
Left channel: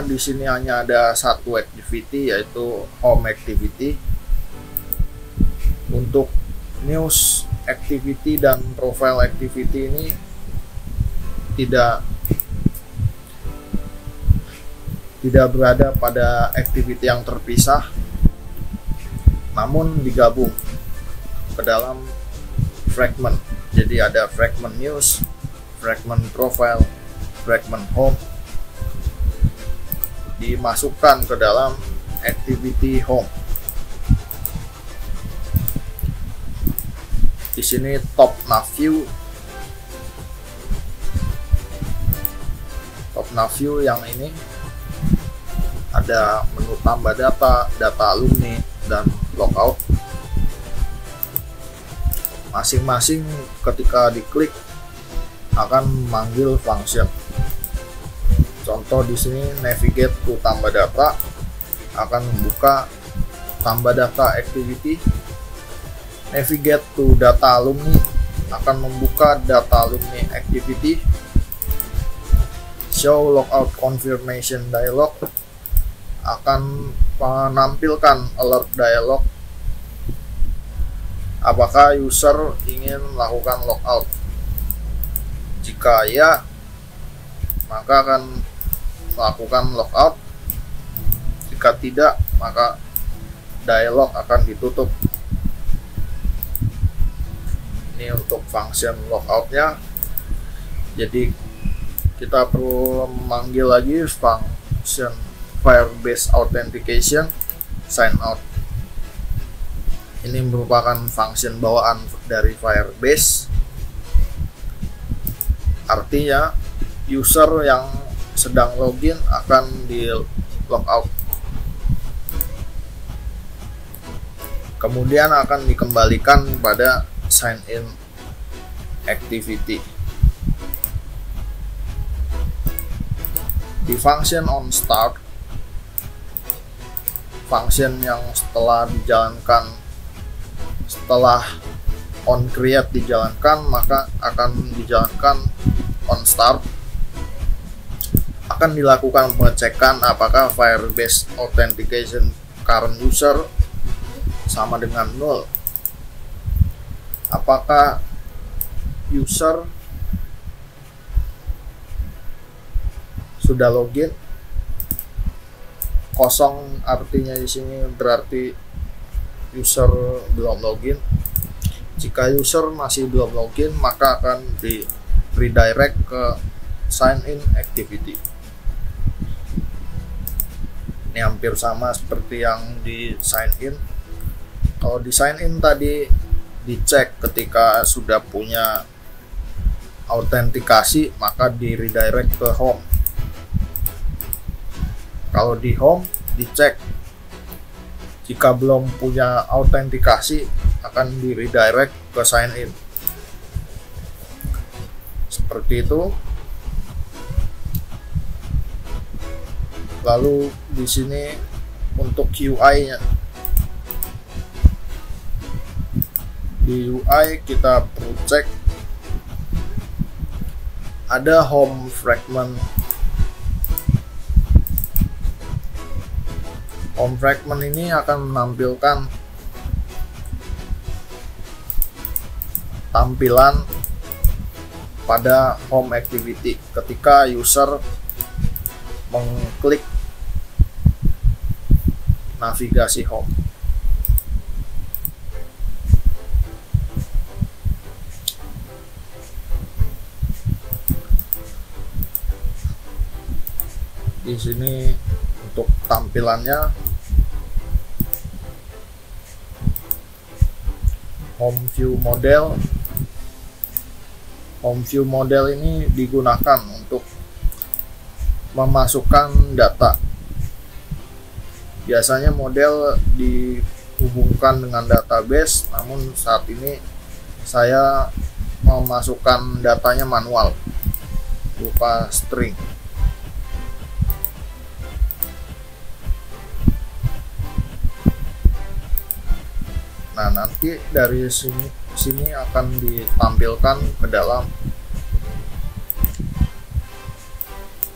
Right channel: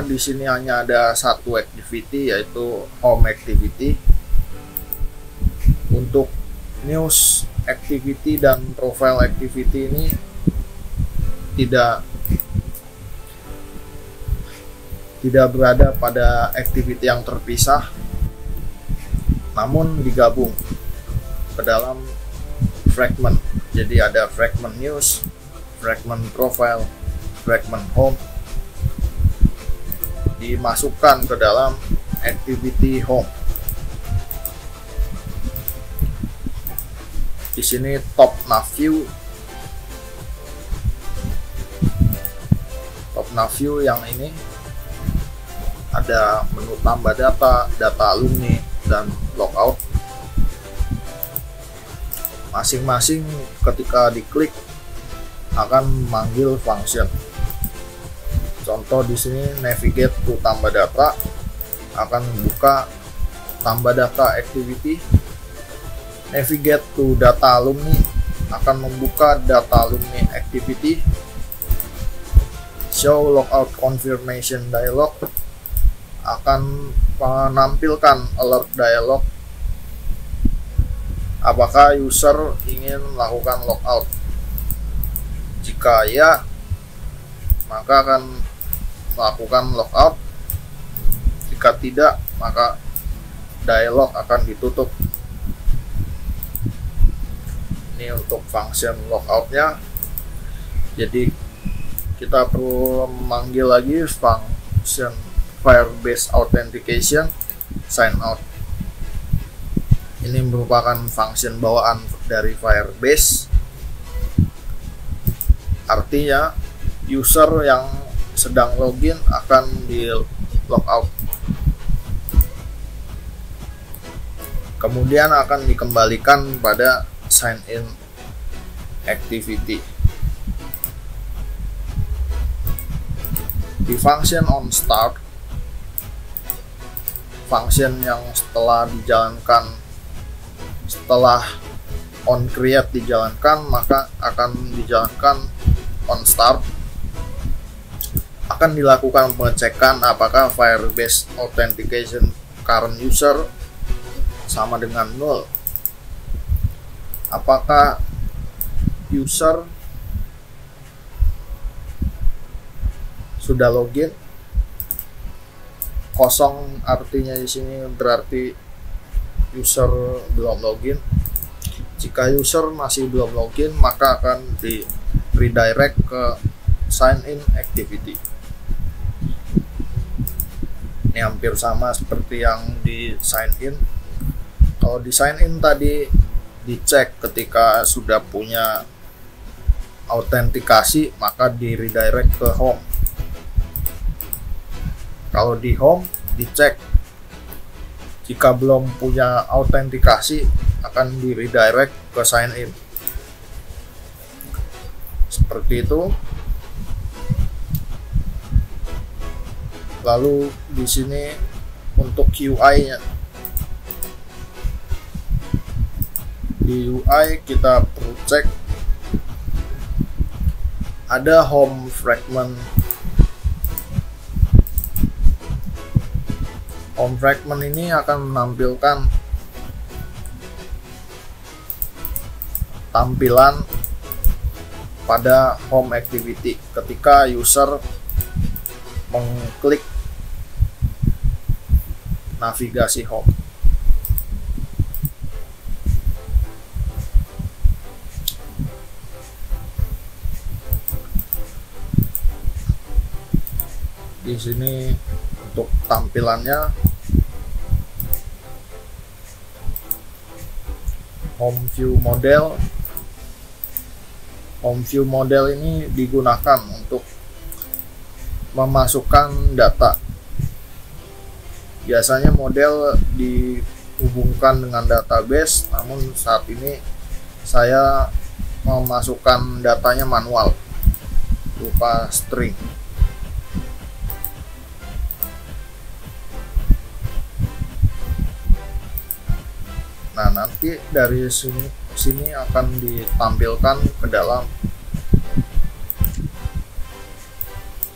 di sini hanya ada satu activity, yaitu home activity. Untuk news activity dan profile activity ini tidak berada pada activity yang terpisah, namun digabung ke dalam fragment. Jadi ada fragment news, fragment profile, fragment home, dimasukkan ke dalam activity home. Di sini top nav view. Top nav view yang ini ada menu tambah data, data alumni, dan logout. Masing-masing ketika diklik akan memanggil function. Contoh di sini navigate to tambah data akan membuka tambah data activity. Navigate to data alumni akan membuka data alumni activity. Show logout confirmation dialog akan menampilkan alert dialog apakah user ingin melakukan logout. Jika ya, maka akan melakukan logout. Jika tidak, maka dialog akan ditutup. Ini untuk function logoutnya. Jadi kita perlu memanggil lagi function Firebase Authentication sign out. Ini merupakan function bawaan dari Firebase. Artinya user yang sedang login akan di logout. Kemudian akan dikembalikan pada sign in activity. Di function on start, function yang setelah on create dijalankan, maka akan dijalankan on start. Akan dilakukan pengecekan apakah Firebase Authentication current user sama dengan 0. Apakah user sudah login? Kosong artinya di sini berarti user belum login. Jika user masih belum login, maka akan di redirect ke sign in activity. Ini hampir sama seperti yang di sign in. Kalau di sign in tadi dicek ketika sudah punya autentikasi, maka di redirect ke home. Kalau di home dicek jika belum punya autentikasi, akan di redirect ke sign in. Seperti itu. Lalu di sini untuk UI-nya. Di UI kita perlu cek ada home fragment. Home fragment ini akan menampilkan tampilan pada home activity ketika user mengklik navigasi home. Di sini untuk tampilannya home view model. Home view model ini digunakan untuk memasukkan data. Biasanya model dihubungkan dengan database, namun saat ini saya memasukkan datanya manual berupa string. Nah, nanti dari sini akan ditampilkan ke dalam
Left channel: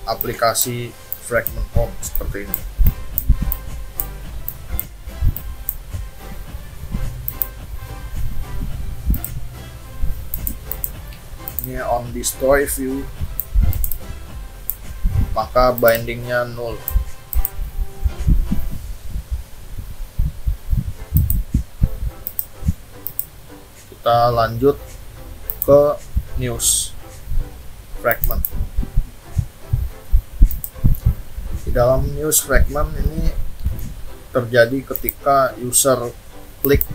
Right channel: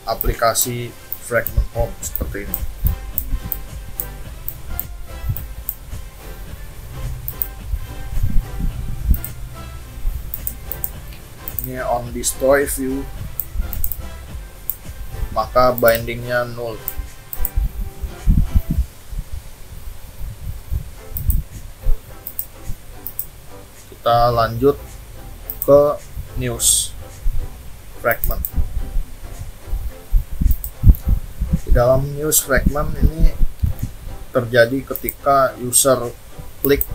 aplikasi fragment home seperti ini. Ini on destroy view, maka bindingnya 0. Kita lanjut ke news fragment. Di dalam news fragment ini terjadi ketika user klik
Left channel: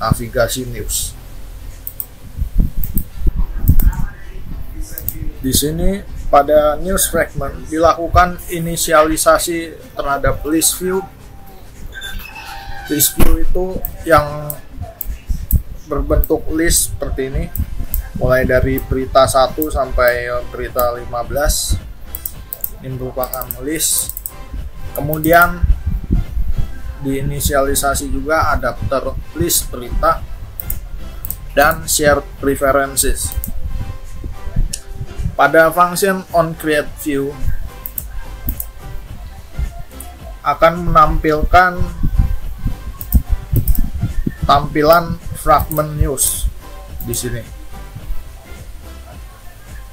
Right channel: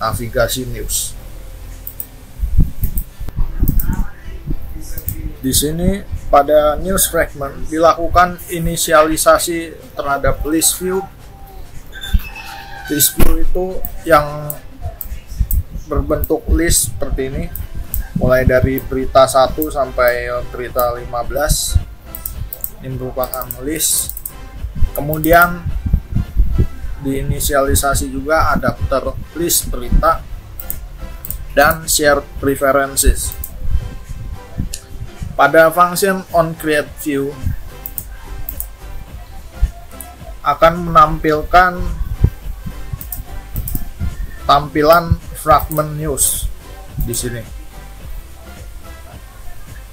navigasi news. Di sini pada news fragment dilakukan inisialisasi terhadap list view. List view itu yang berbentuk list seperti ini, mulai dari berita 1 sampai berita 15. Ini merupakan list. Kemudian diinisialisasi juga adapter list berita dan share preferences. Pada function on create view akan menampilkan tampilan fragment news di sini.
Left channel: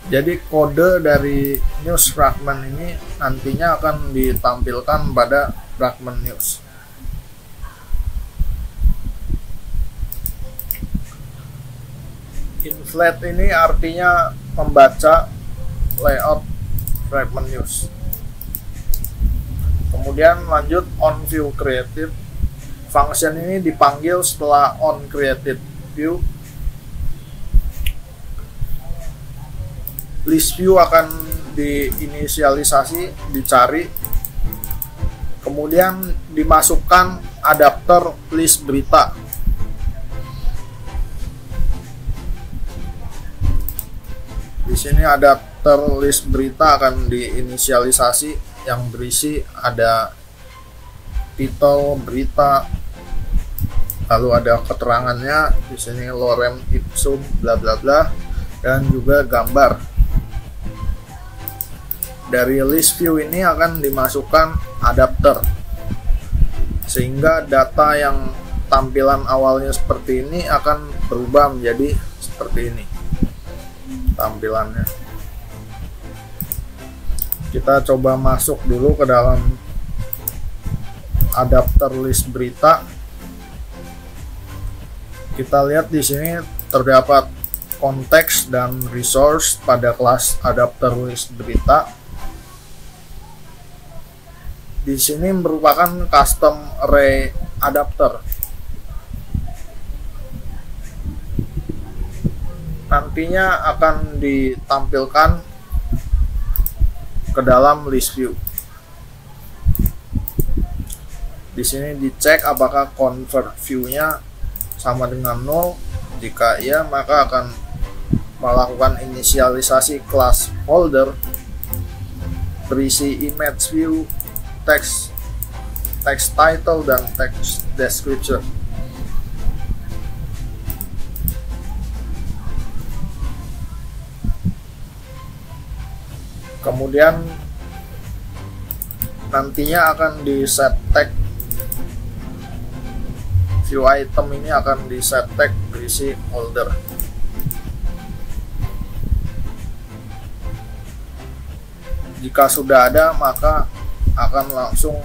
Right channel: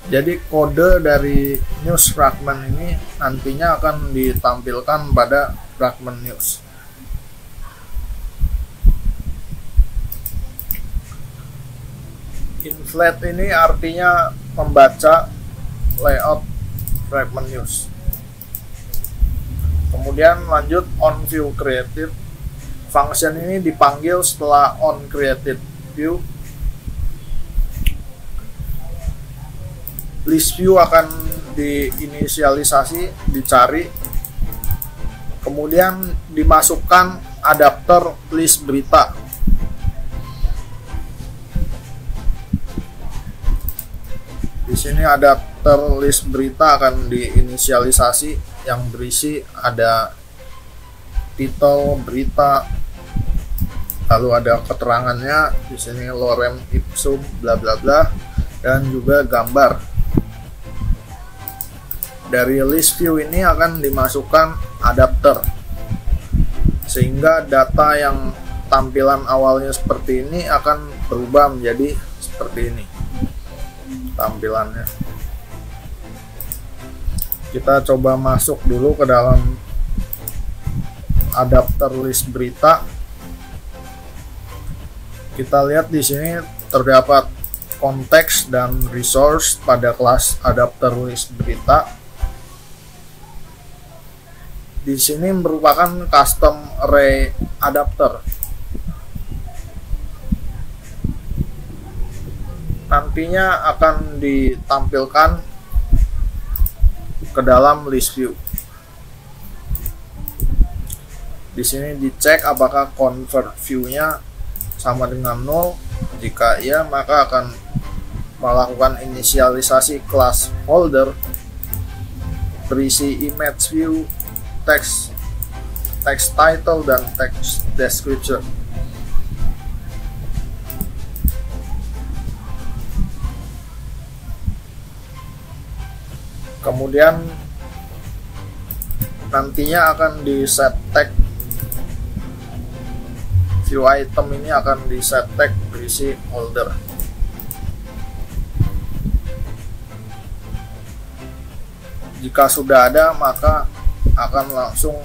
Jadi kode dari news fragment ini nantinya akan ditampilkan pada fragment news. Inflate ini artinya membaca layout fragment news. Kemudian lanjut on view created. Function ini dipanggil setelah on created view. List view akan diinisialisasi, dicari, kemudian dimasukkan adapter list berita. Di sini adapter list berita akan diinisialisasi, yang berisi ada titel berita, lalu ada keterangannya di sini lorem ipsum bla bla bla, dan juga gambar. Dari list view ini akan dimasukkan adapter, sehingga data yang tampilan awalnya seperti ini akan berubah menjadi seperti ini tampilannya. Kita coba masuk dulu ke dalam adapter list berita. Kita lihat di sini terdapat konteks dan resource pada kelas adapter list berita. Di sini merupakan custom array adapter. Nantinya akan ditampilkan ke dalam list view. Di sini dicek apakah convert view-nya sama dengan 0. Jika iya, maka akan melakukan inisialisasi kelas holder berisi image view, text title, dan text description. Kemudian nantinya akan di set tag view item ini, akan di set tag berisi holder. Jika sudah ada, maka akan langsung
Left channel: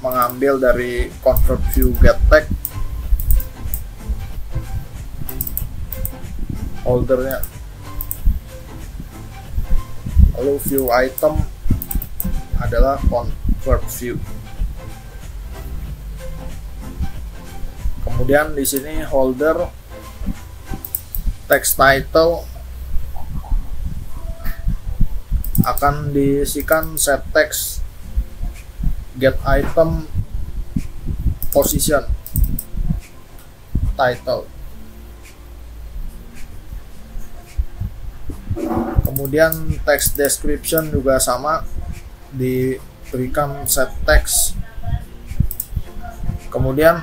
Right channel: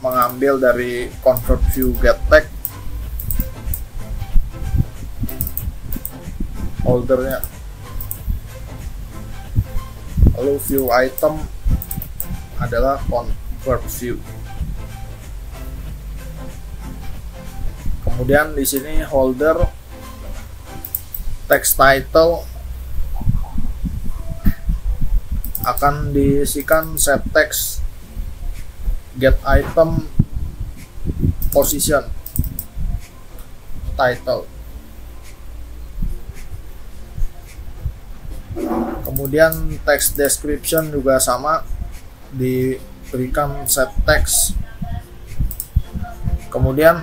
mengambil dari convert view get tag holdernya, lalu view item adalah convert view. Kemudian di sini holder text title akan diisikan set text get item position title. Kemudian text description juga sama, diberikan set text. Kemudian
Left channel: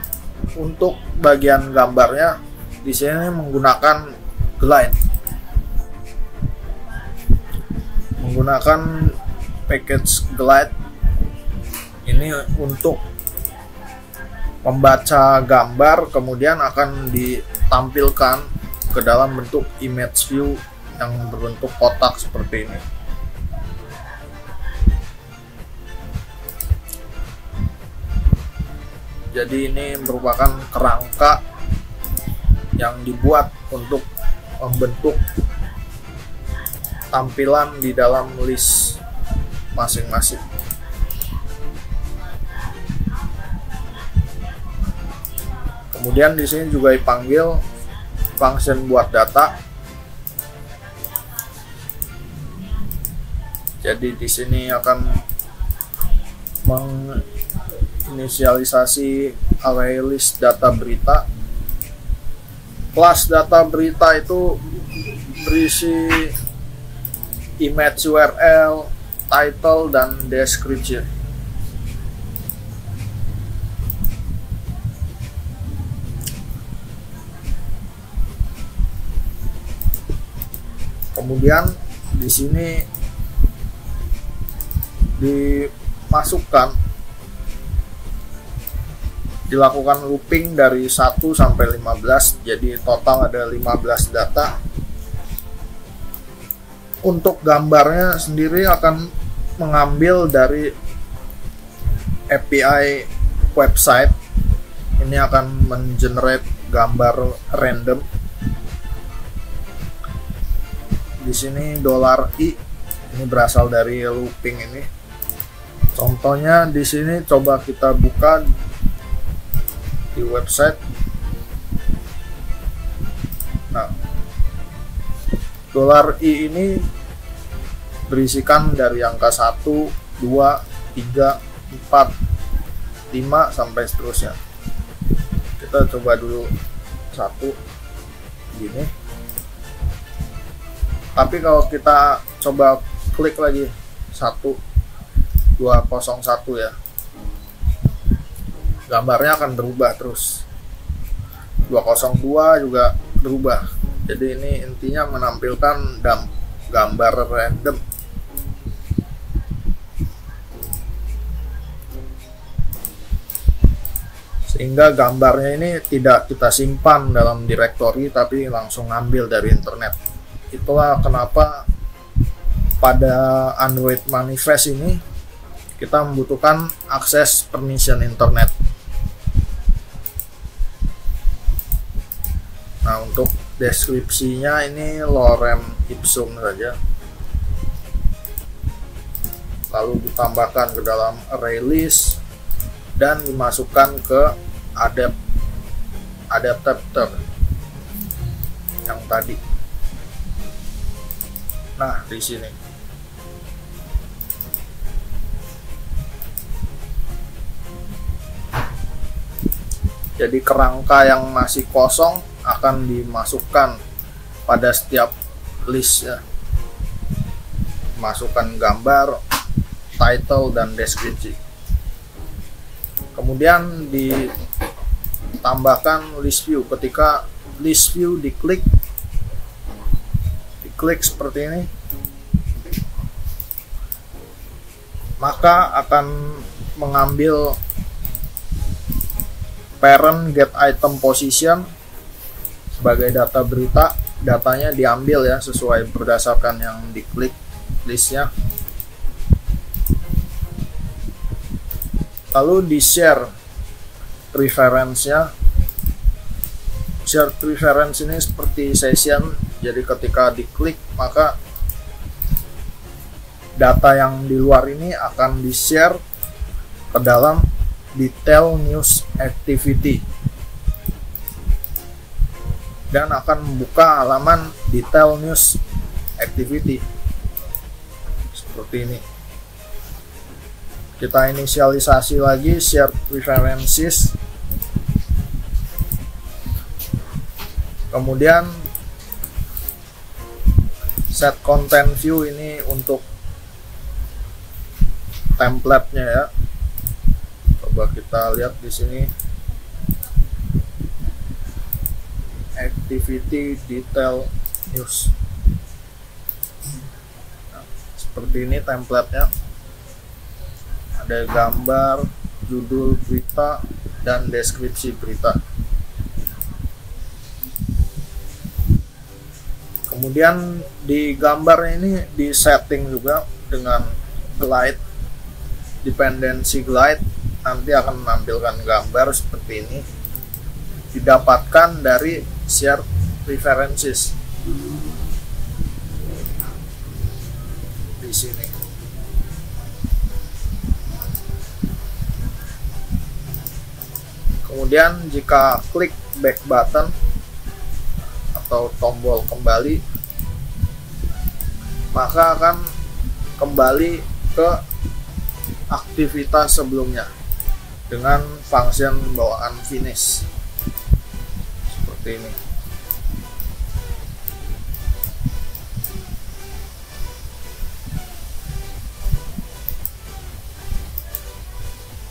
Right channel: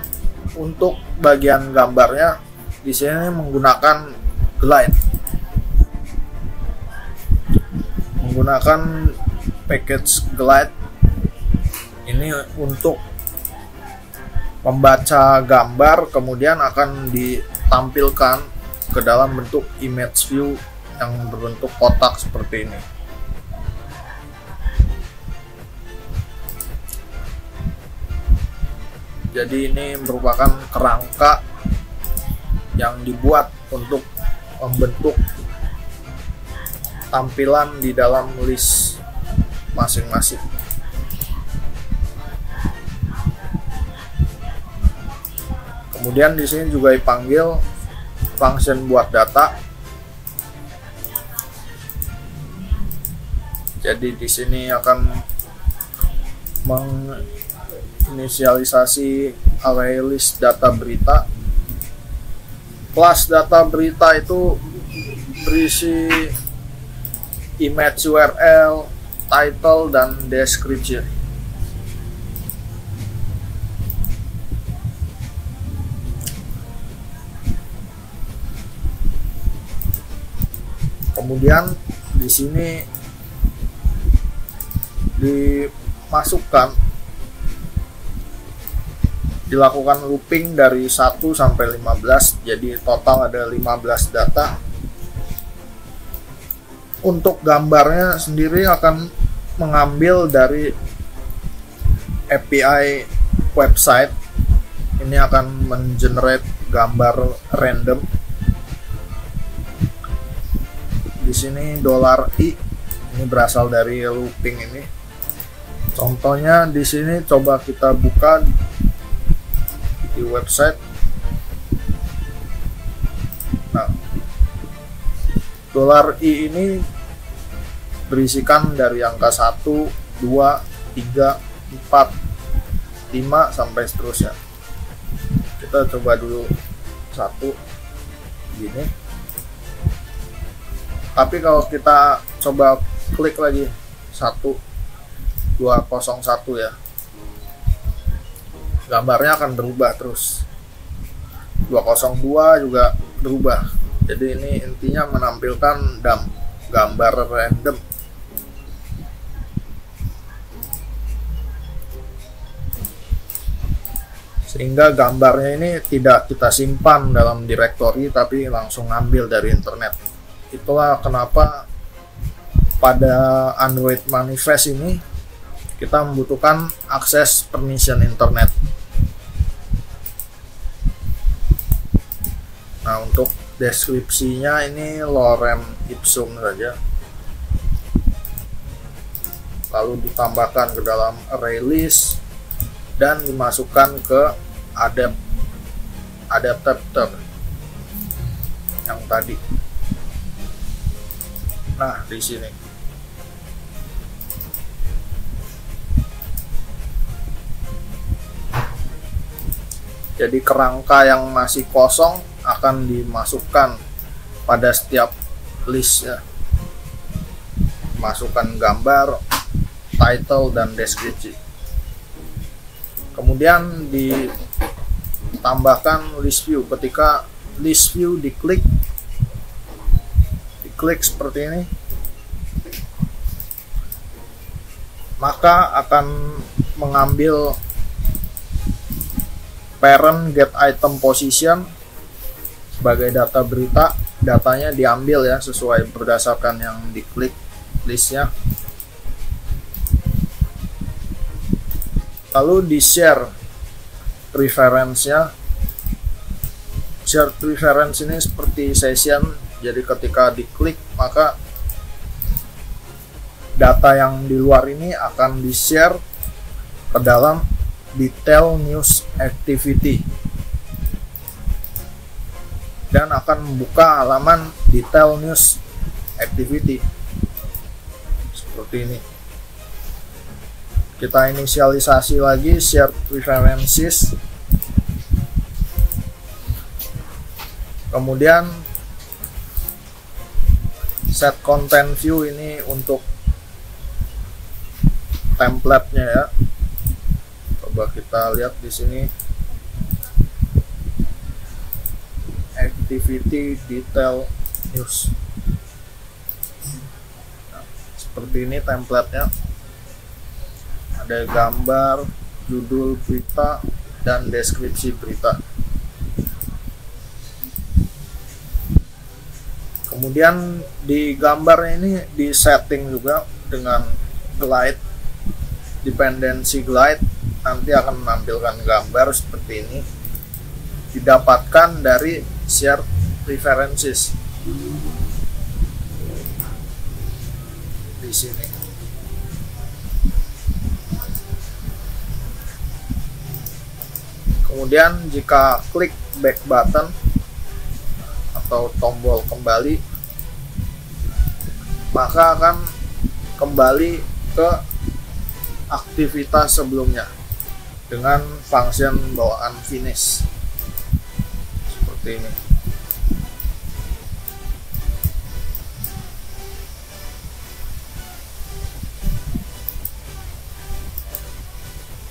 untuk bagian gambarnya di sini menggunakan glide, menggunakan package glide ini untuk membaca gambar, kemudian akan ditampilkan ke dalam bentuk image view yang berbentuk kotak seperti ini. Jadi ini merupakan kerangka yang dibuat untuk membentuk tampilan di dalam list masing-masing. Kemudian di sini juga dipanggil function buat data. Jadi di sini akan menginisialisasi array list data berita. Kelas data berita itu berisi image URL, title, dan description. Kemudian di sini dimasukkan dilakukan looping dari 1 sampai 15, jadi total ada 15 data. Untuk gambarnya sendiri akan mengambil dari API website. Ini akan mengenerate gambar random. Di sini $i ini berasal dari looping ini. Contohnya di sini coba kita buka di website. Nah, $i ini berisikan dari angka 1, 2, 3, 4, 5 sampai seterusnya. Kita coba dulu 1 gini. Tapi kalau kita coba klik lagi 1201 ya, gambarnya akan berubah terus. 202 juga berubah. Jadi ini intinya menampilkan gambar random. Sehingga gambarnya ini tidak kita simpan dalam direktori, tapi langsung ngambil dari internet. Itulah kenapa pada Android Manifest ini kita membutuhkan akses permission internet. Nah, untuk deskripsinya ini lorem ipsum saja, lalu ditambahkan ke dalam array list dan dimasukkan ke adapter yang tadi. Nah, di sini jadi kerangka yang masih kosong akan dimasukkan pada setiap list ya. Masukkan gambar, title, dan deskripsi. Kemudian ditambahkan list view. Ketika list view diklik seperti ini, maka akan mengambil parent get item position sebagai data berita. Datanya diambil ya sesuai berdasarkan yang diklik listnya. Lalu di share preference-nya. Share preference ini seperti session, jadi ketika diklik maka data yang di luar ini akan di-share ke dalam detail news activity dan akan membuka halaman detail news activity seperti ini. Kita inisialisasi lagi share preferences, kemudian set content view ini untuk template-nya ya. Coba kita lihat di sini, activity detail news. Nah, seperti ini template-nya. Ada gambar, judul berita, dan deskripsi berita. Kemudian di gambar ini di setting juga dengan glide, dependency glide, nanti akan menampilkan gambar seperti ini, didapatkan dari share preferences di sini. Kemudian jika klik back button atau tombol kembali, maka akan kembali ke aktivitas sebelumnya dengan function bawaan finish seperti ini.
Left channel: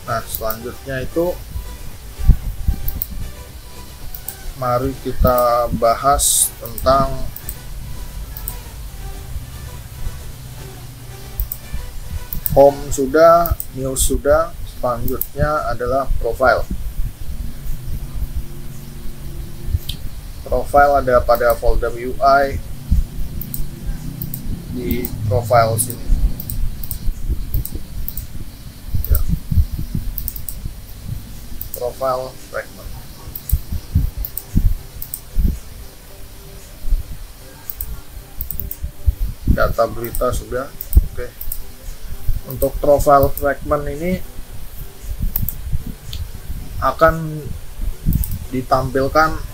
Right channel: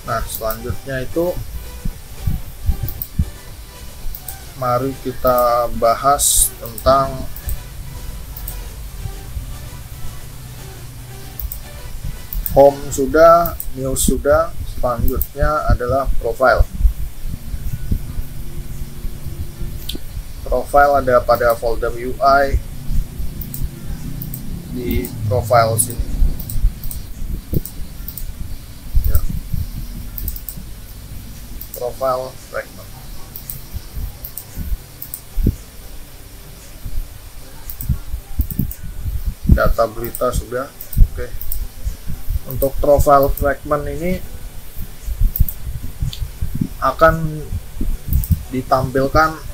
Nah, selanjutnya itu mari kita bahas tentang home sudah, news sudah, selanjutnya adalah profile. Profile ada pada folder UI di profile sini. Ya. Profile fragment. Data berita sudah. Oke. Untuk profile fragment ini akan ditampilkan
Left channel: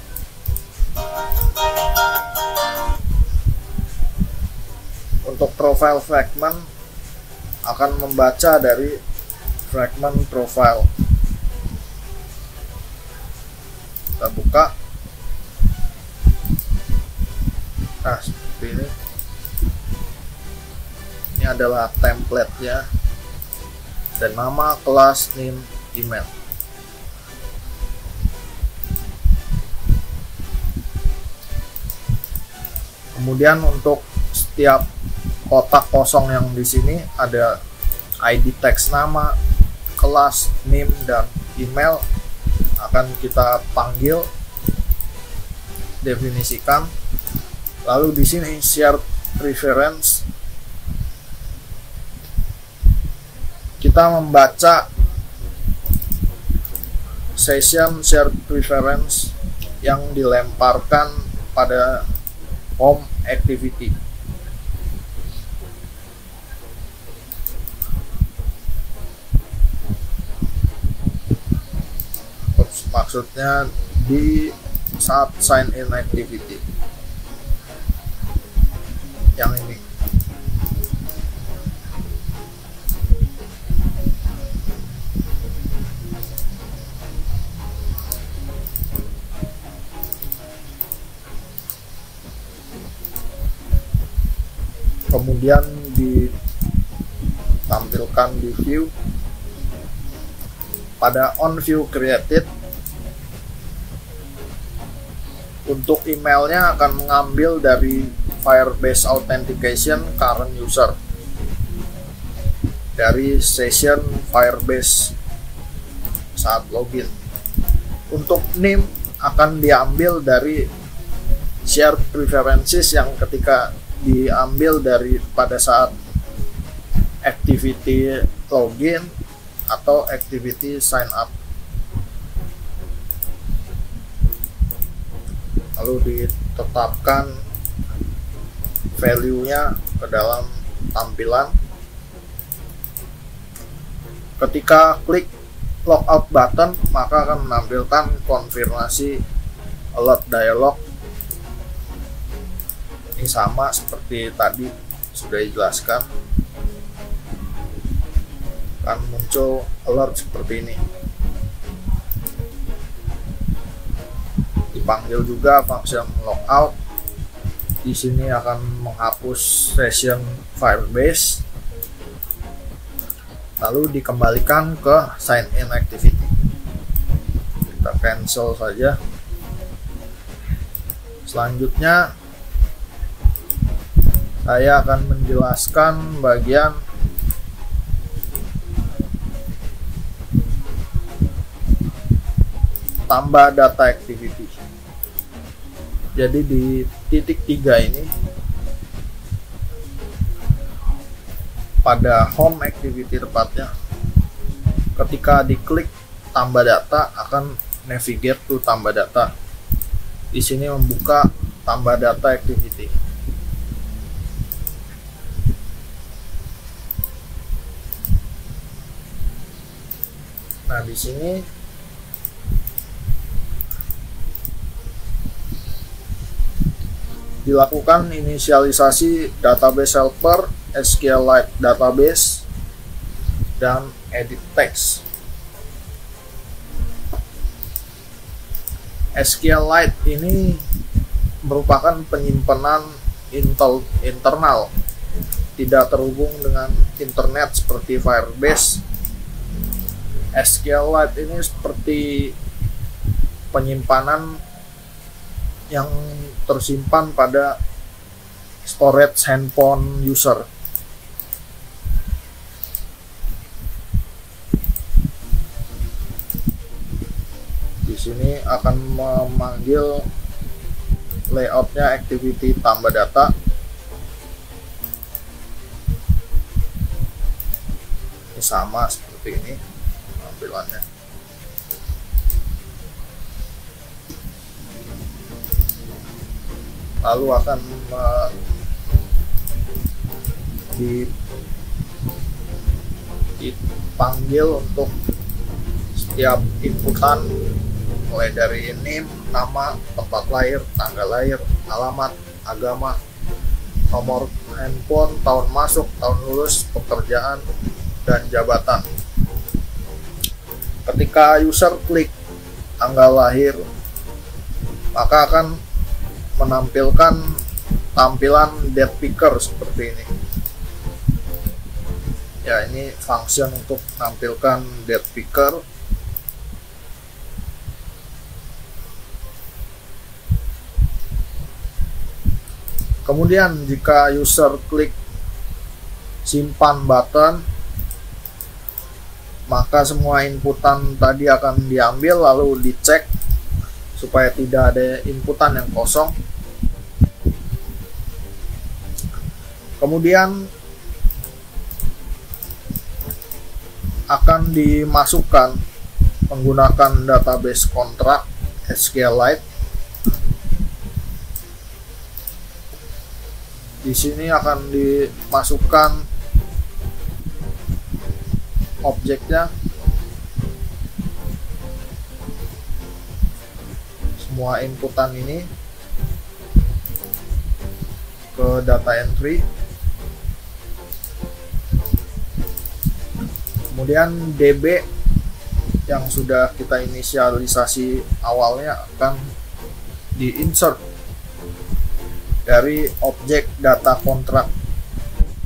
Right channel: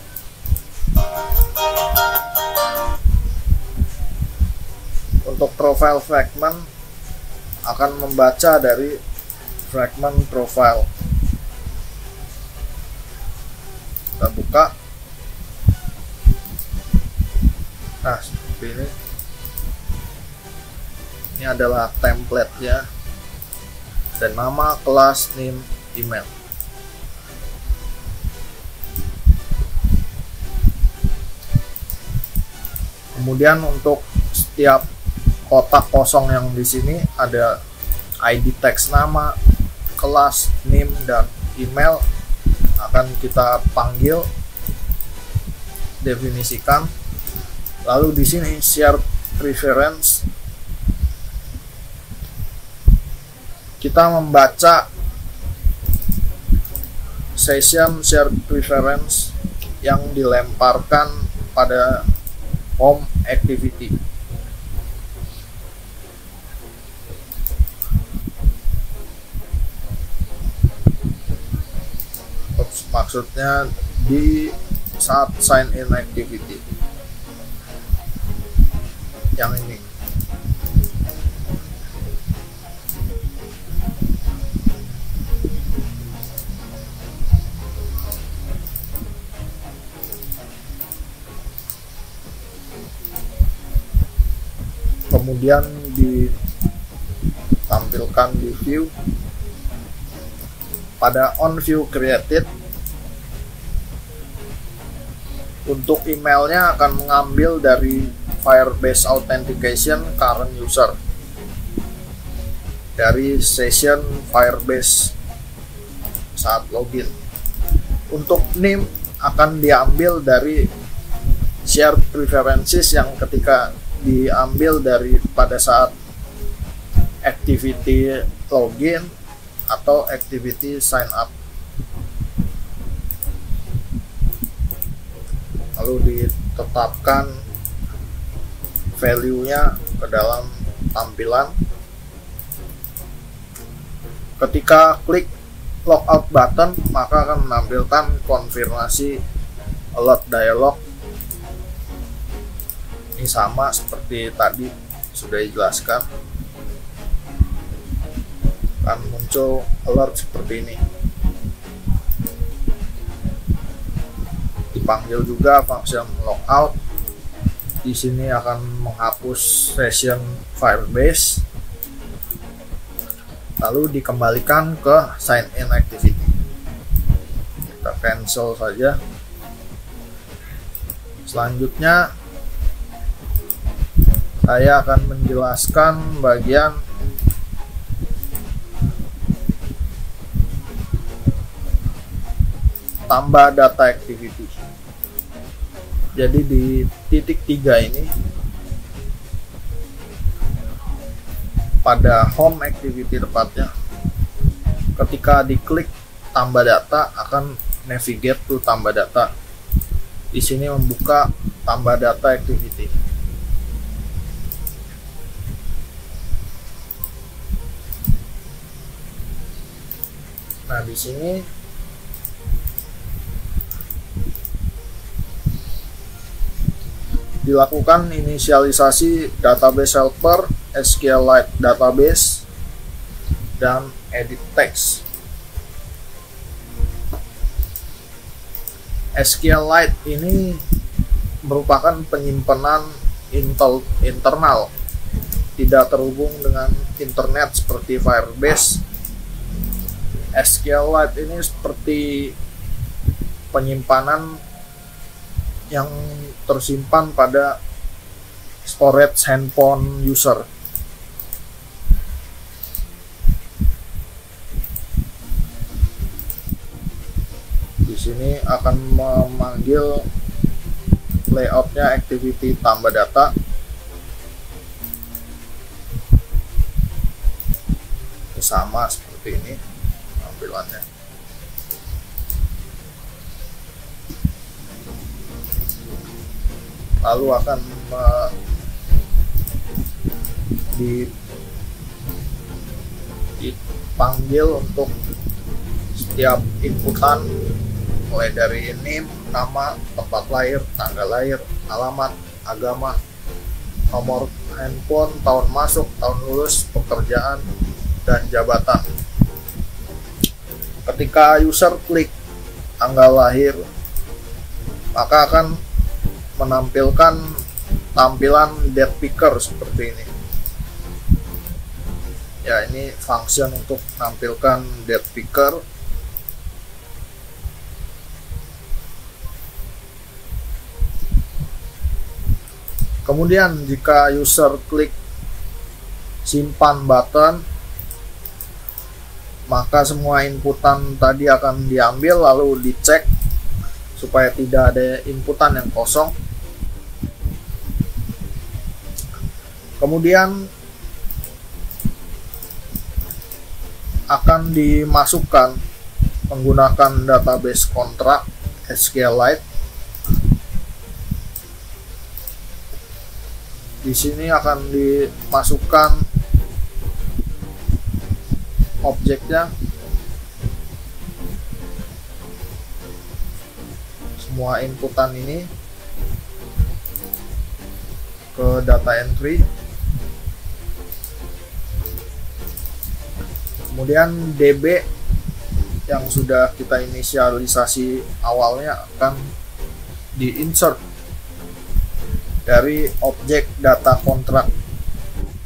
untuk profile fragment akan membaca dari fragment profile. Kita buka. Nah, seperti ini. Ini adalah template-nya dan nama, kelas, name, email. Kemudian untuk setiap kotak kosong yang di sini ada ID teks nama, kelas, name, dan email akan kita panggil, definisikan. Lalu di sini share preference, kita membaca session share preference yang dilemparkan pada home activity. Maksudnya di saat sign in activity yang ini. Kemudian ditampilkan di view pada on view created. Untuk emailnya akan mengambil dari Firebase Authentication current user dari session Firebase saat login. Untuk name akan diambil dari share preferences yang ketika diambil dari pada saat activity login atau activity sign up. Lalu ditetapkan value-nya ke dalam tampilan. Ketika klik logout button, maka akan menampilkan konfirmasi alert dialog. Ini sama seperti tadi sudah dijelaskan, akan muncul alert seperti ini. Dipanggil juga function logout. Di sini akan menghapus session Firebase, lalu dikembalikan ke sign in activity. Kita cancel saja. Selanjutnya saya akan menjelaskan bagian tambah data activity. Jadi di titik 3 ini pada home activity tepatnya, ketika diklik tambah data akan navigate to tambah data. Di sini membuka tambah data activity. Nah, di sini dilakukan inisialisasi database helper, SQLite database, dan edit text. SQLite ini merupakan penyimpanan internal, tidak terhubung dengan internet seperti Firebase. SQLite ini seperti penyimpanan yang tersimpan pada storage handphone user. Di sini akan memanggil layoutnya activity tambah data. Ini sama seperti ini tampilannya. Lalu akan dipanggil untuk setiap inputan, mulai dari name, nama, tempat lahir, tanggal lahir, alamat, agama, nomor handphone, tahun masuk, tahun lulus, pekerjaan, dan jabatan. Ketika user klik tanggal lahir, maka akan menampilkan tampilan date picker seperti ini. Ya, ini function untuk menampilkan date picker. Kemudian jika user klik simpan button, maka semua inputan tadi akan diambil lalu dicek supaya tidak ada inputan yang kosong. Kemudian akan dimasukkan menggunakan database kontrak SQLite. Di sini akan dimasukkan objeknya, semua inputan ini ke data entry. Kemudian DB yang sudah kita inisialisasi awalnya akan di-insert dari objek data kontrak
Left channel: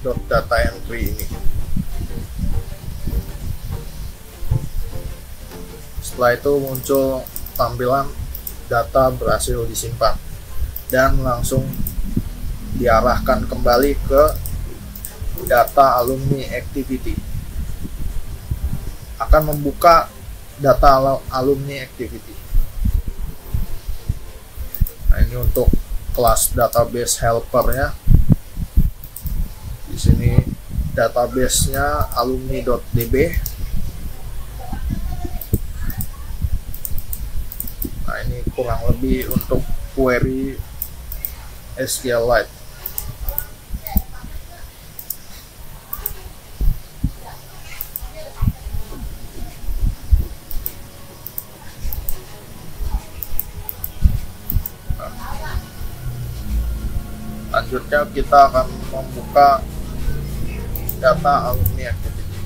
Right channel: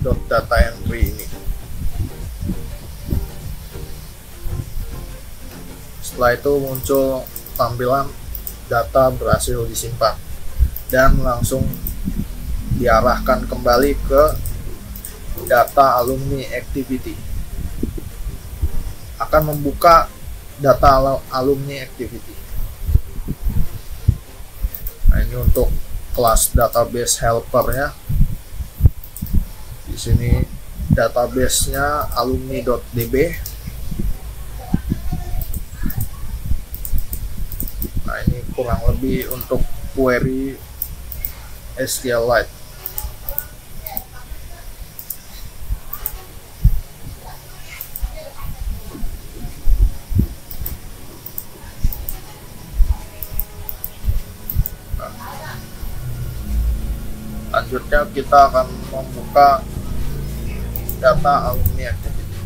.data entry ini. Setelah itu muncul tampilan data berhasil disimpan dan langsung diarahkan kembali ke data alumni activity. Akan membuka data alumni activity. Nah, ini untuk kelas database helper ya. Di sini database-nya alumni.db. Nah, ini kurang lebih untuk query SQLite. Selanjutnya kita akan membuka data alumni activity.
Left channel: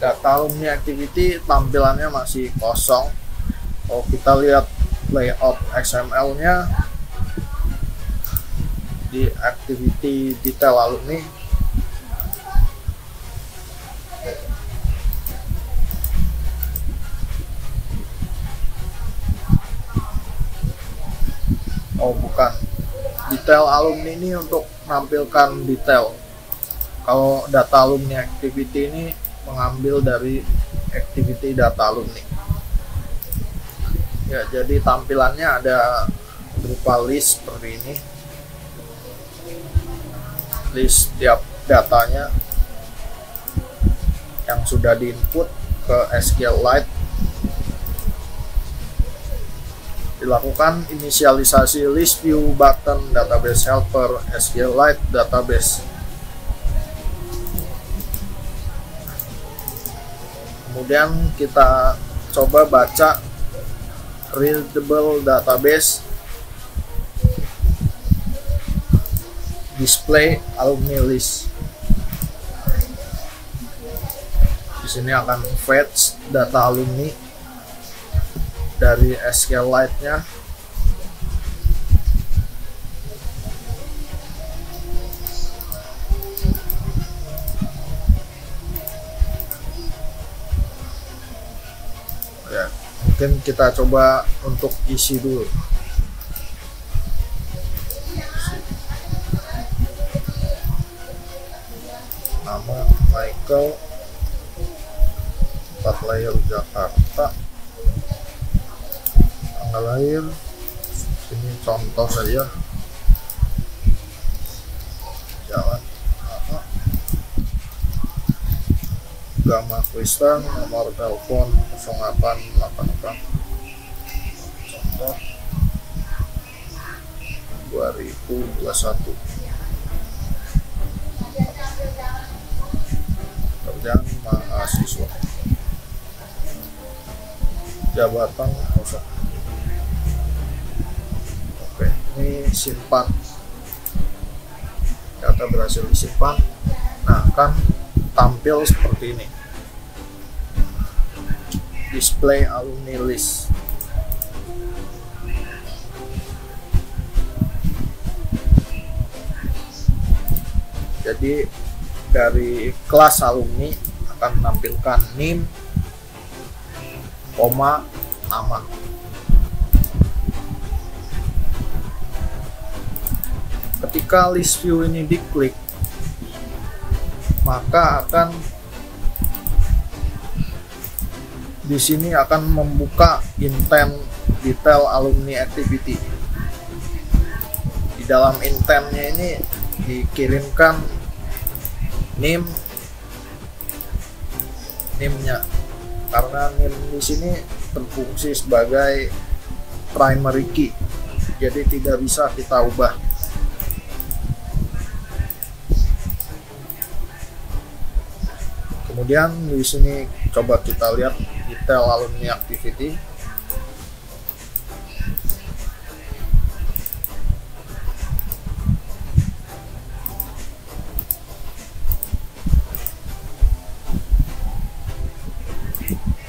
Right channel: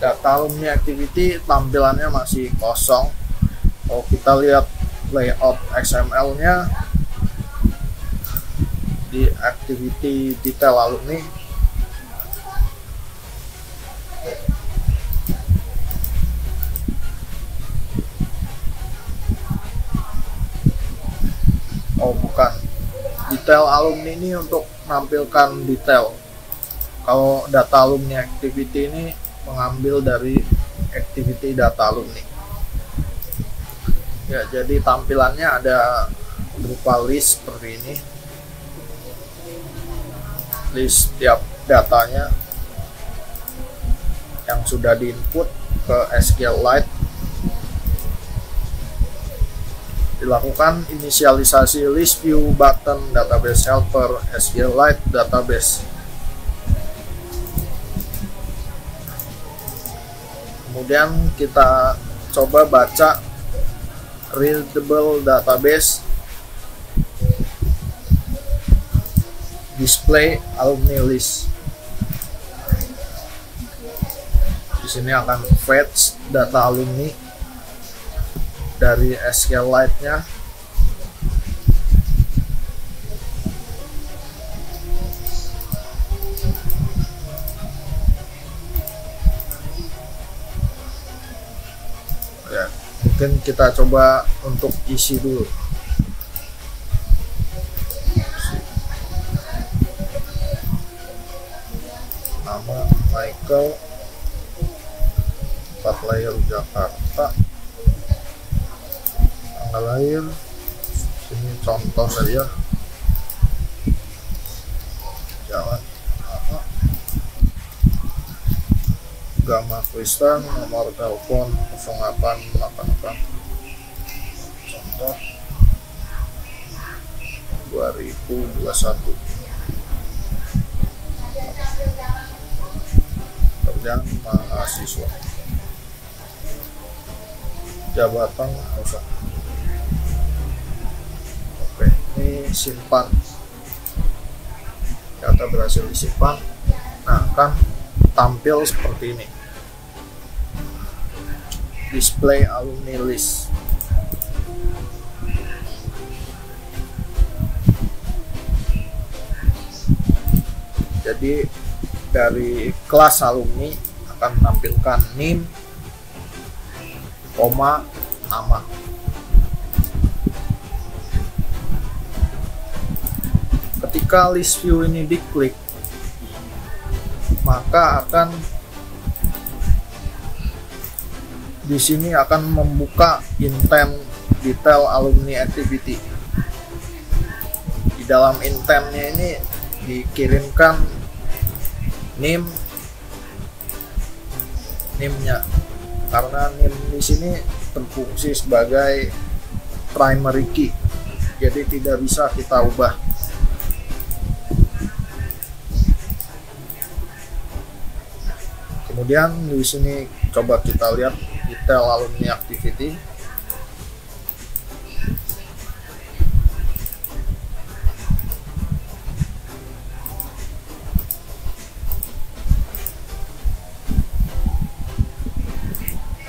Data alumni activity tampilannya masih kosong. Kalau kita lihat layout XML-nya di activity detail alumni, bukan, detail alumni ini untuk menampilkan detail. Kalau data alumni activity ini mengambil dari activity data alumni. Ya, jadi tampilannya ada berupa list seperti ini. List tiap datanya yang sudah diinput ke SQLite. Dilakukan inisialisasi list view button database helper SQLite database. Kemudian kita coba baca readable database display alumni list. Di sini akan fetch data alumni dari SQLite-nya. Ya, mungkin kita coba untuk isi dulu. Nama, Michael 4 layer Jakarta, tanggal lahir sini contoh saja, jalan Gama Kristen, nomor telepon 0888, contoh 2021. Kerjaan mahasiswa, jabatan kosong. Oke, ini simpan, data berhasil disimpan. Nah, kan tampil seperti ini, display alumni list. Jadi dari kelas alumni akan menampilkan NIM, koma, nama. Ketika list view ini diklik, maka akan di sini akan membuka intent detail alumni activity. Di dalam intentnya ini dikirimkan NIM-nya, karena NIM di sini berfungsi sebagai primary key, jadi tidak bisa kita ubah. Kemudian di sini coba kita lihat detail alumni activity.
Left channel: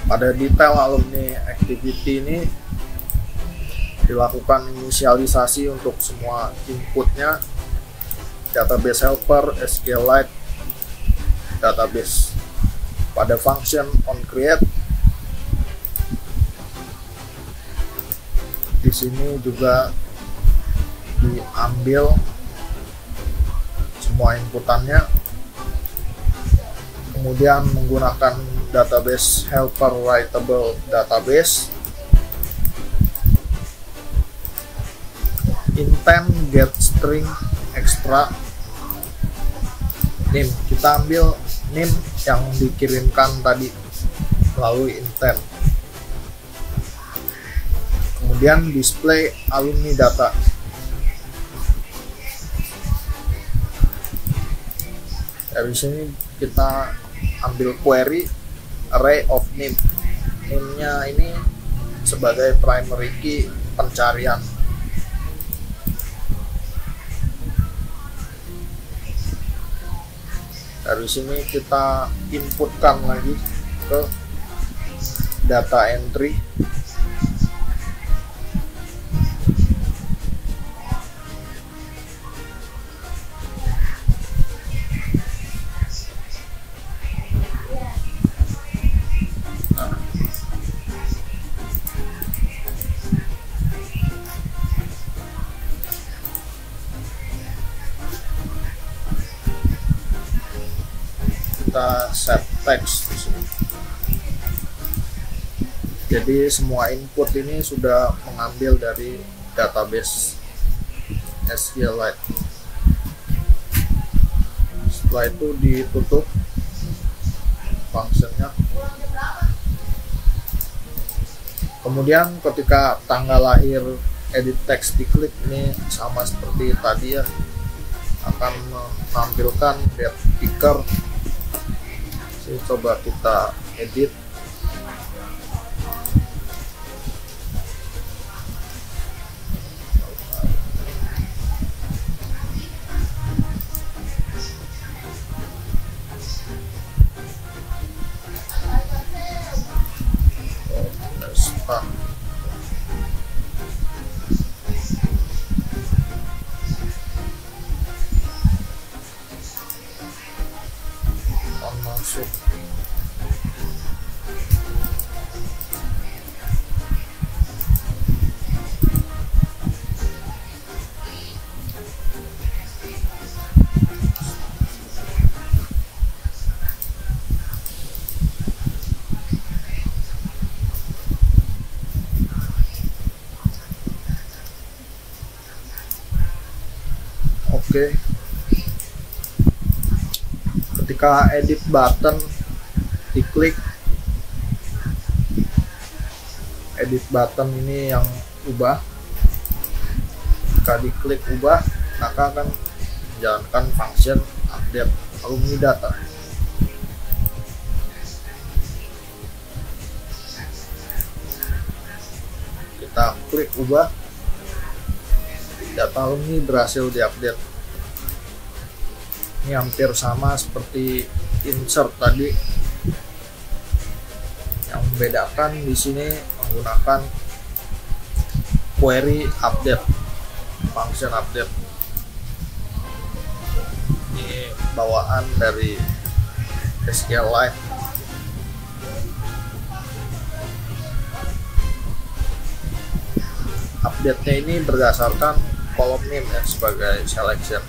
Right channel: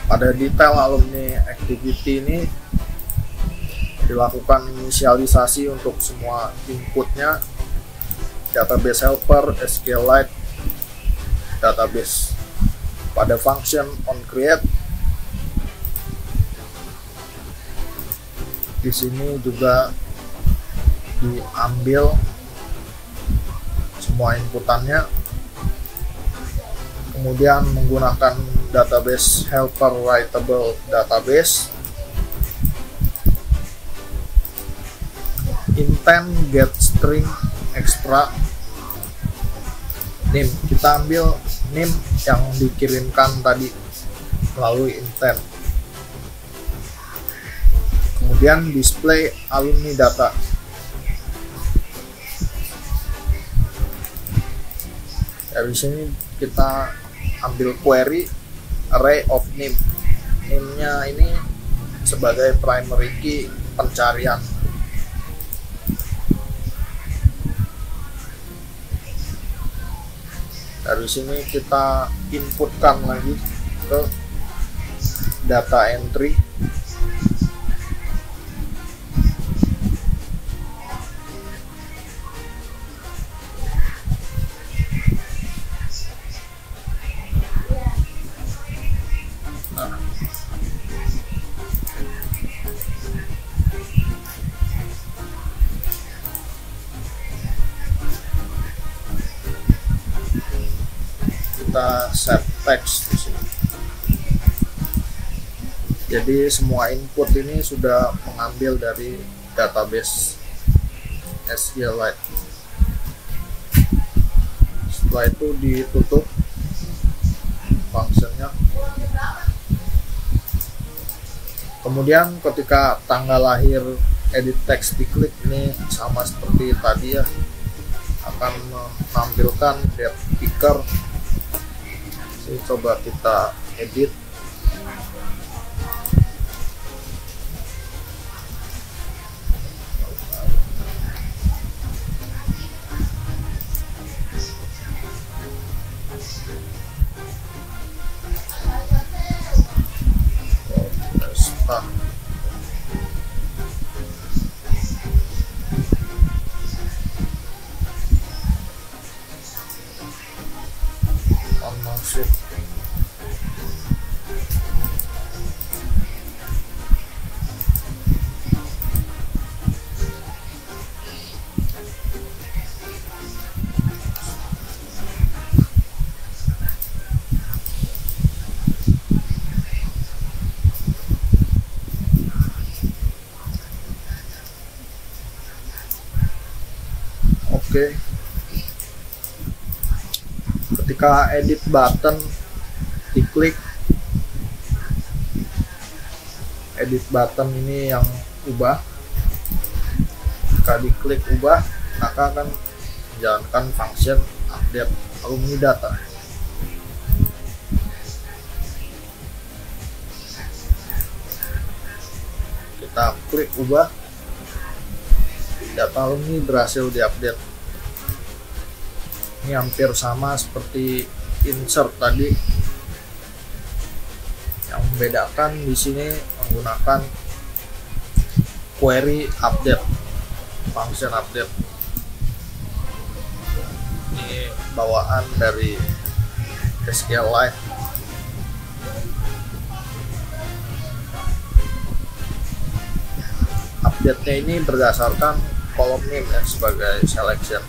Pada detail alumni activity ini dilakukan inisialisasi untuk semua inputnya, database helper, SQLite, database. Pada function onCreate, di sini juga diambil semua inputannya, kemudian menggunakan database helper writable database, intent get string extra NIM. Kita ambil NIM yang dikirimkan tadi melalui intent, kemudian display alumni data. Dari sini kita ambil query array of NIM. NIM-nya ini sebagai primary key pencarian. Dari sini kita inputkan lagi ke data entry. Kita set text di sini. Jadi semua input ini sudah mengambil dari database SQLite. Setelah itu ditutup fungsinya. Kemudian ketika tanggal lahir edit text diklik, ini sama seperti tadi ya, akan menampilkan date picker. Jadi coba kita edit. Start. Masuk. Oke. Ketika edit button diklik, edit button ini yang ubah. Jika diklik ubah, maka akan menjalankan function update alumni data. Kita klik ubah, data alumni berhasil diupdate. Ini hampir sama seperti insert tadi. Yang membedakan di sini menggunakan query update, function update. Ini bawaan dari SQLite. Update-nya ini berdasarkan kolom name ya, sebagai selection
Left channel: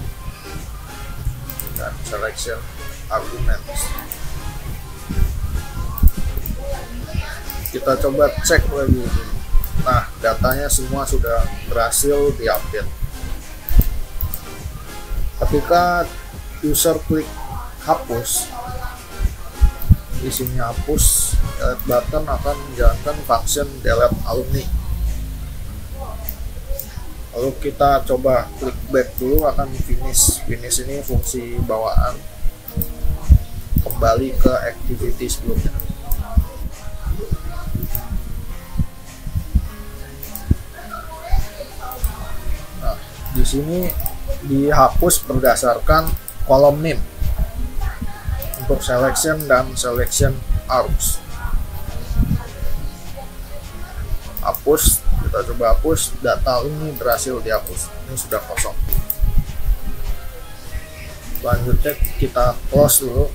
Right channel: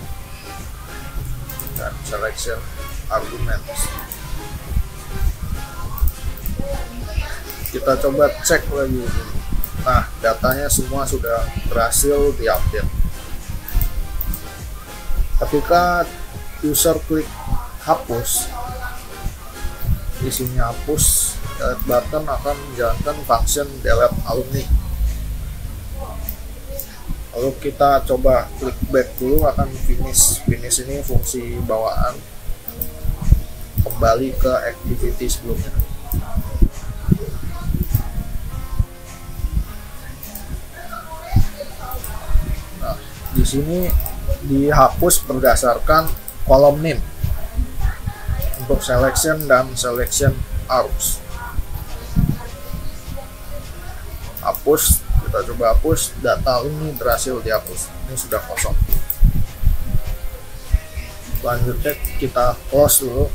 dan selection arguments. Kita coba cek lagi. Nah, datanya semua sudah berhasil diupdate. Ketika user klik hapus, isinya hapus, delete button akan menjalankan function delete alumni. Lalu kita coba klik back dulu, akan finish. Finish ini fungsi bawaan, kembali ke activity sebelumnya. Nah, di sini dihapus berdasarkan kolom name untuk selection dan selection arrows. Hapus, kita coba hapus, data ini berhasil dihapus. Ini sudah kosong. Selanjutnya kita close dulu.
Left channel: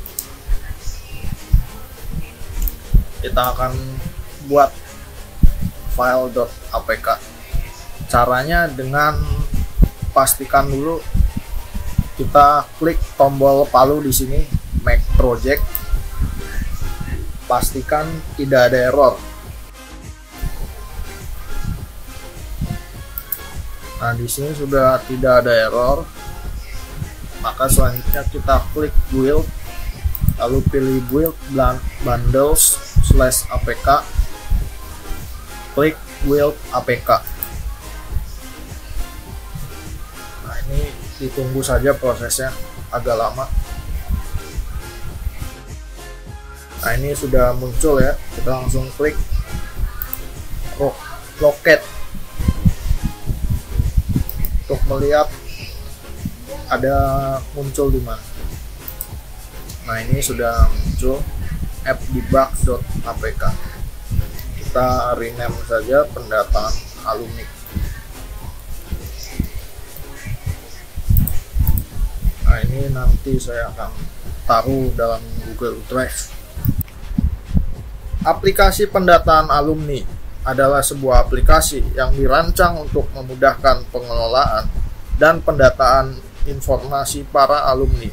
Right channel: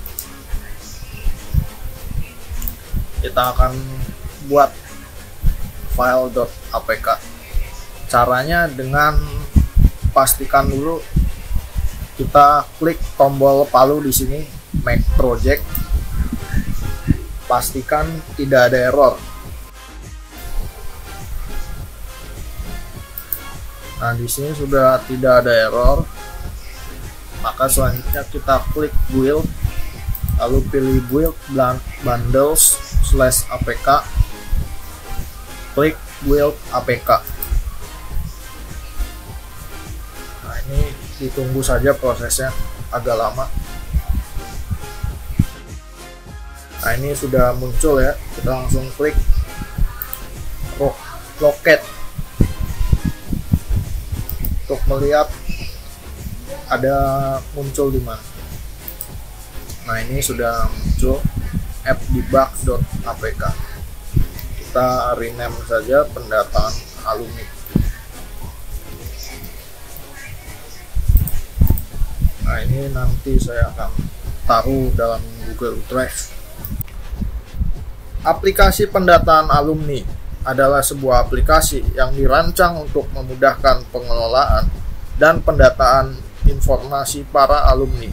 Kita akan buat file.apk. Caranya dengan pastikan dulu kita klik tombol palu di sini, make project. Pastikan tidak ada error. Nah, di sini sudah tidak ada error. Maka selanjutnya kita klik build, lalu pilih build bundles/apk. Klik build apk. Nah, ini ditunggu saja prosesnya, agak lama. Nah, ini sudah muncul ya. Kita langsung klik locate untuk melihat ada muncul di mana. Nah, ini sudah muncul appdebug.apk. Kita rename saja pendataan alumni. Nah, ini nanti saya akan taruh dalam Google Drive. Aplikasi pendataan alumni adalah sebuah aplikasi yang dirancang untuk memudahkan pengelolaan dan pendataan informasi para alumni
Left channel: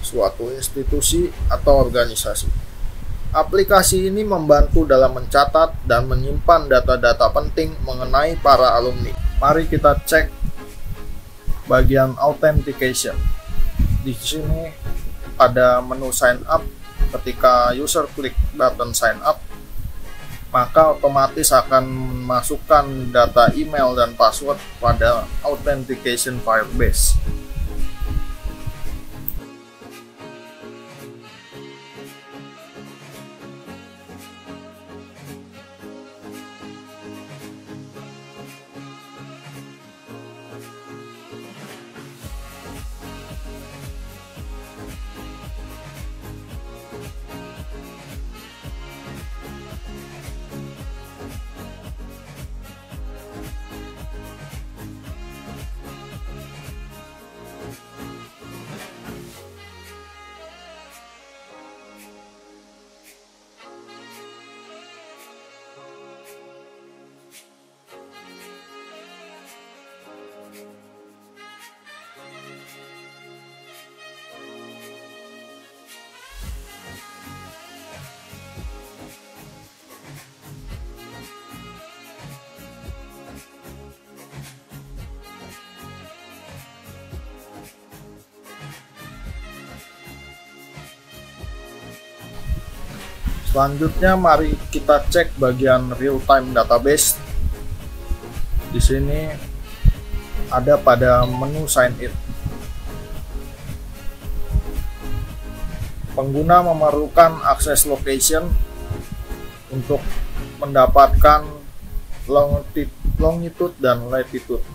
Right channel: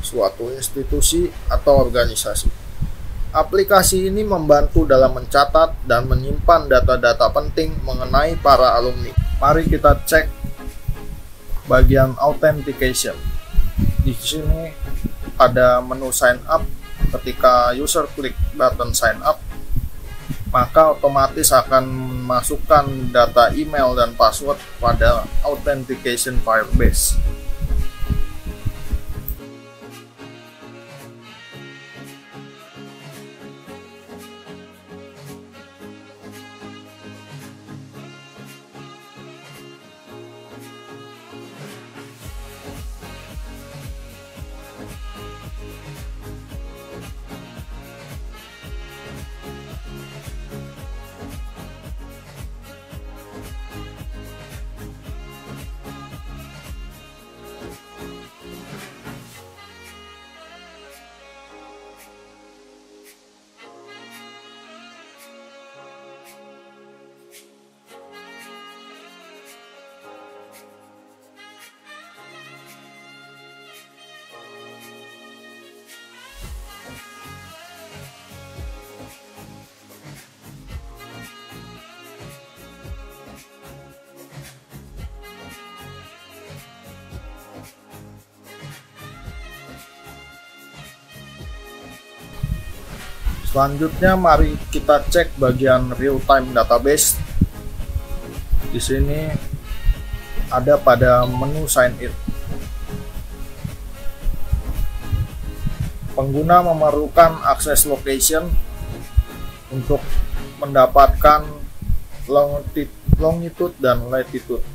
suatu institusi atau organisasi. Aplikasi ini membantu dalam mencatat dan menyimpan data-data penting mengenai para alumni. Mari kita cek bagian authentication. Di sini ada menu sign up. Ketika user klik button sign up, maka otomatis akan memasukkan data email dan password pada authentication Firebase. Selanjutnya mari kita cek bagian real time database. Di sini ada pada menu sign in. Pengguna memerlukan akses location untuk mendapatkan longitude dan latitude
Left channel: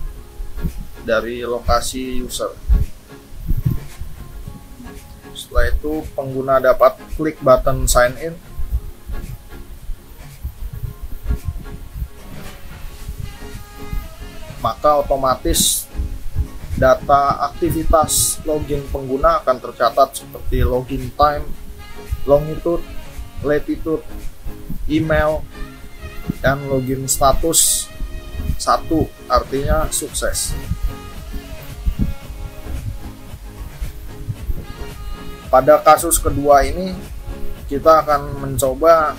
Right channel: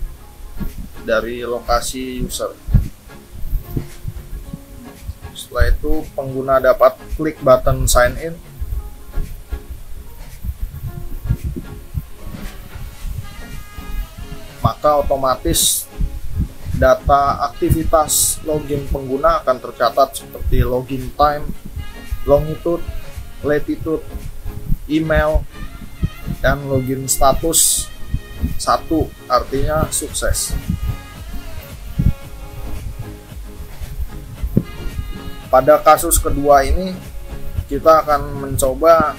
dari lokasi user. Setelah itu pengguna dapat klik button sign in. Maka otomatis data aktivitas login pengguna akan tercatat seperti login time, longitude, latitude, email, dan login status 1 artinya sukses. Pada kasus kedua ini kita akan mencoba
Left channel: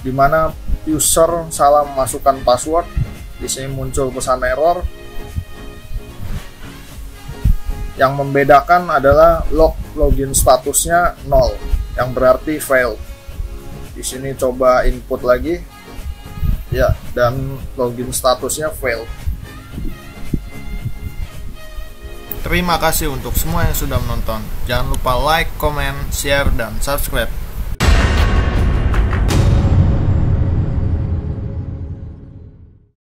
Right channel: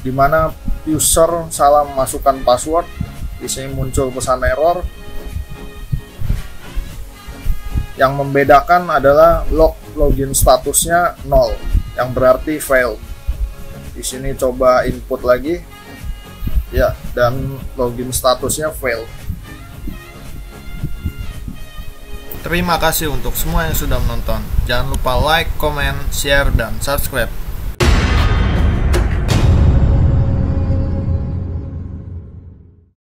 di mana user salah memasukkan password. Di sini muncul pesan error. Yang membedakan adalah login statusnya 0, yang berarti failed. Di sini coba input lagi. Ya, dan login statusnya failed. Terima kasih untuk semua yang sudah menonton. Jangan lupa like, comment, share, dan subscribe.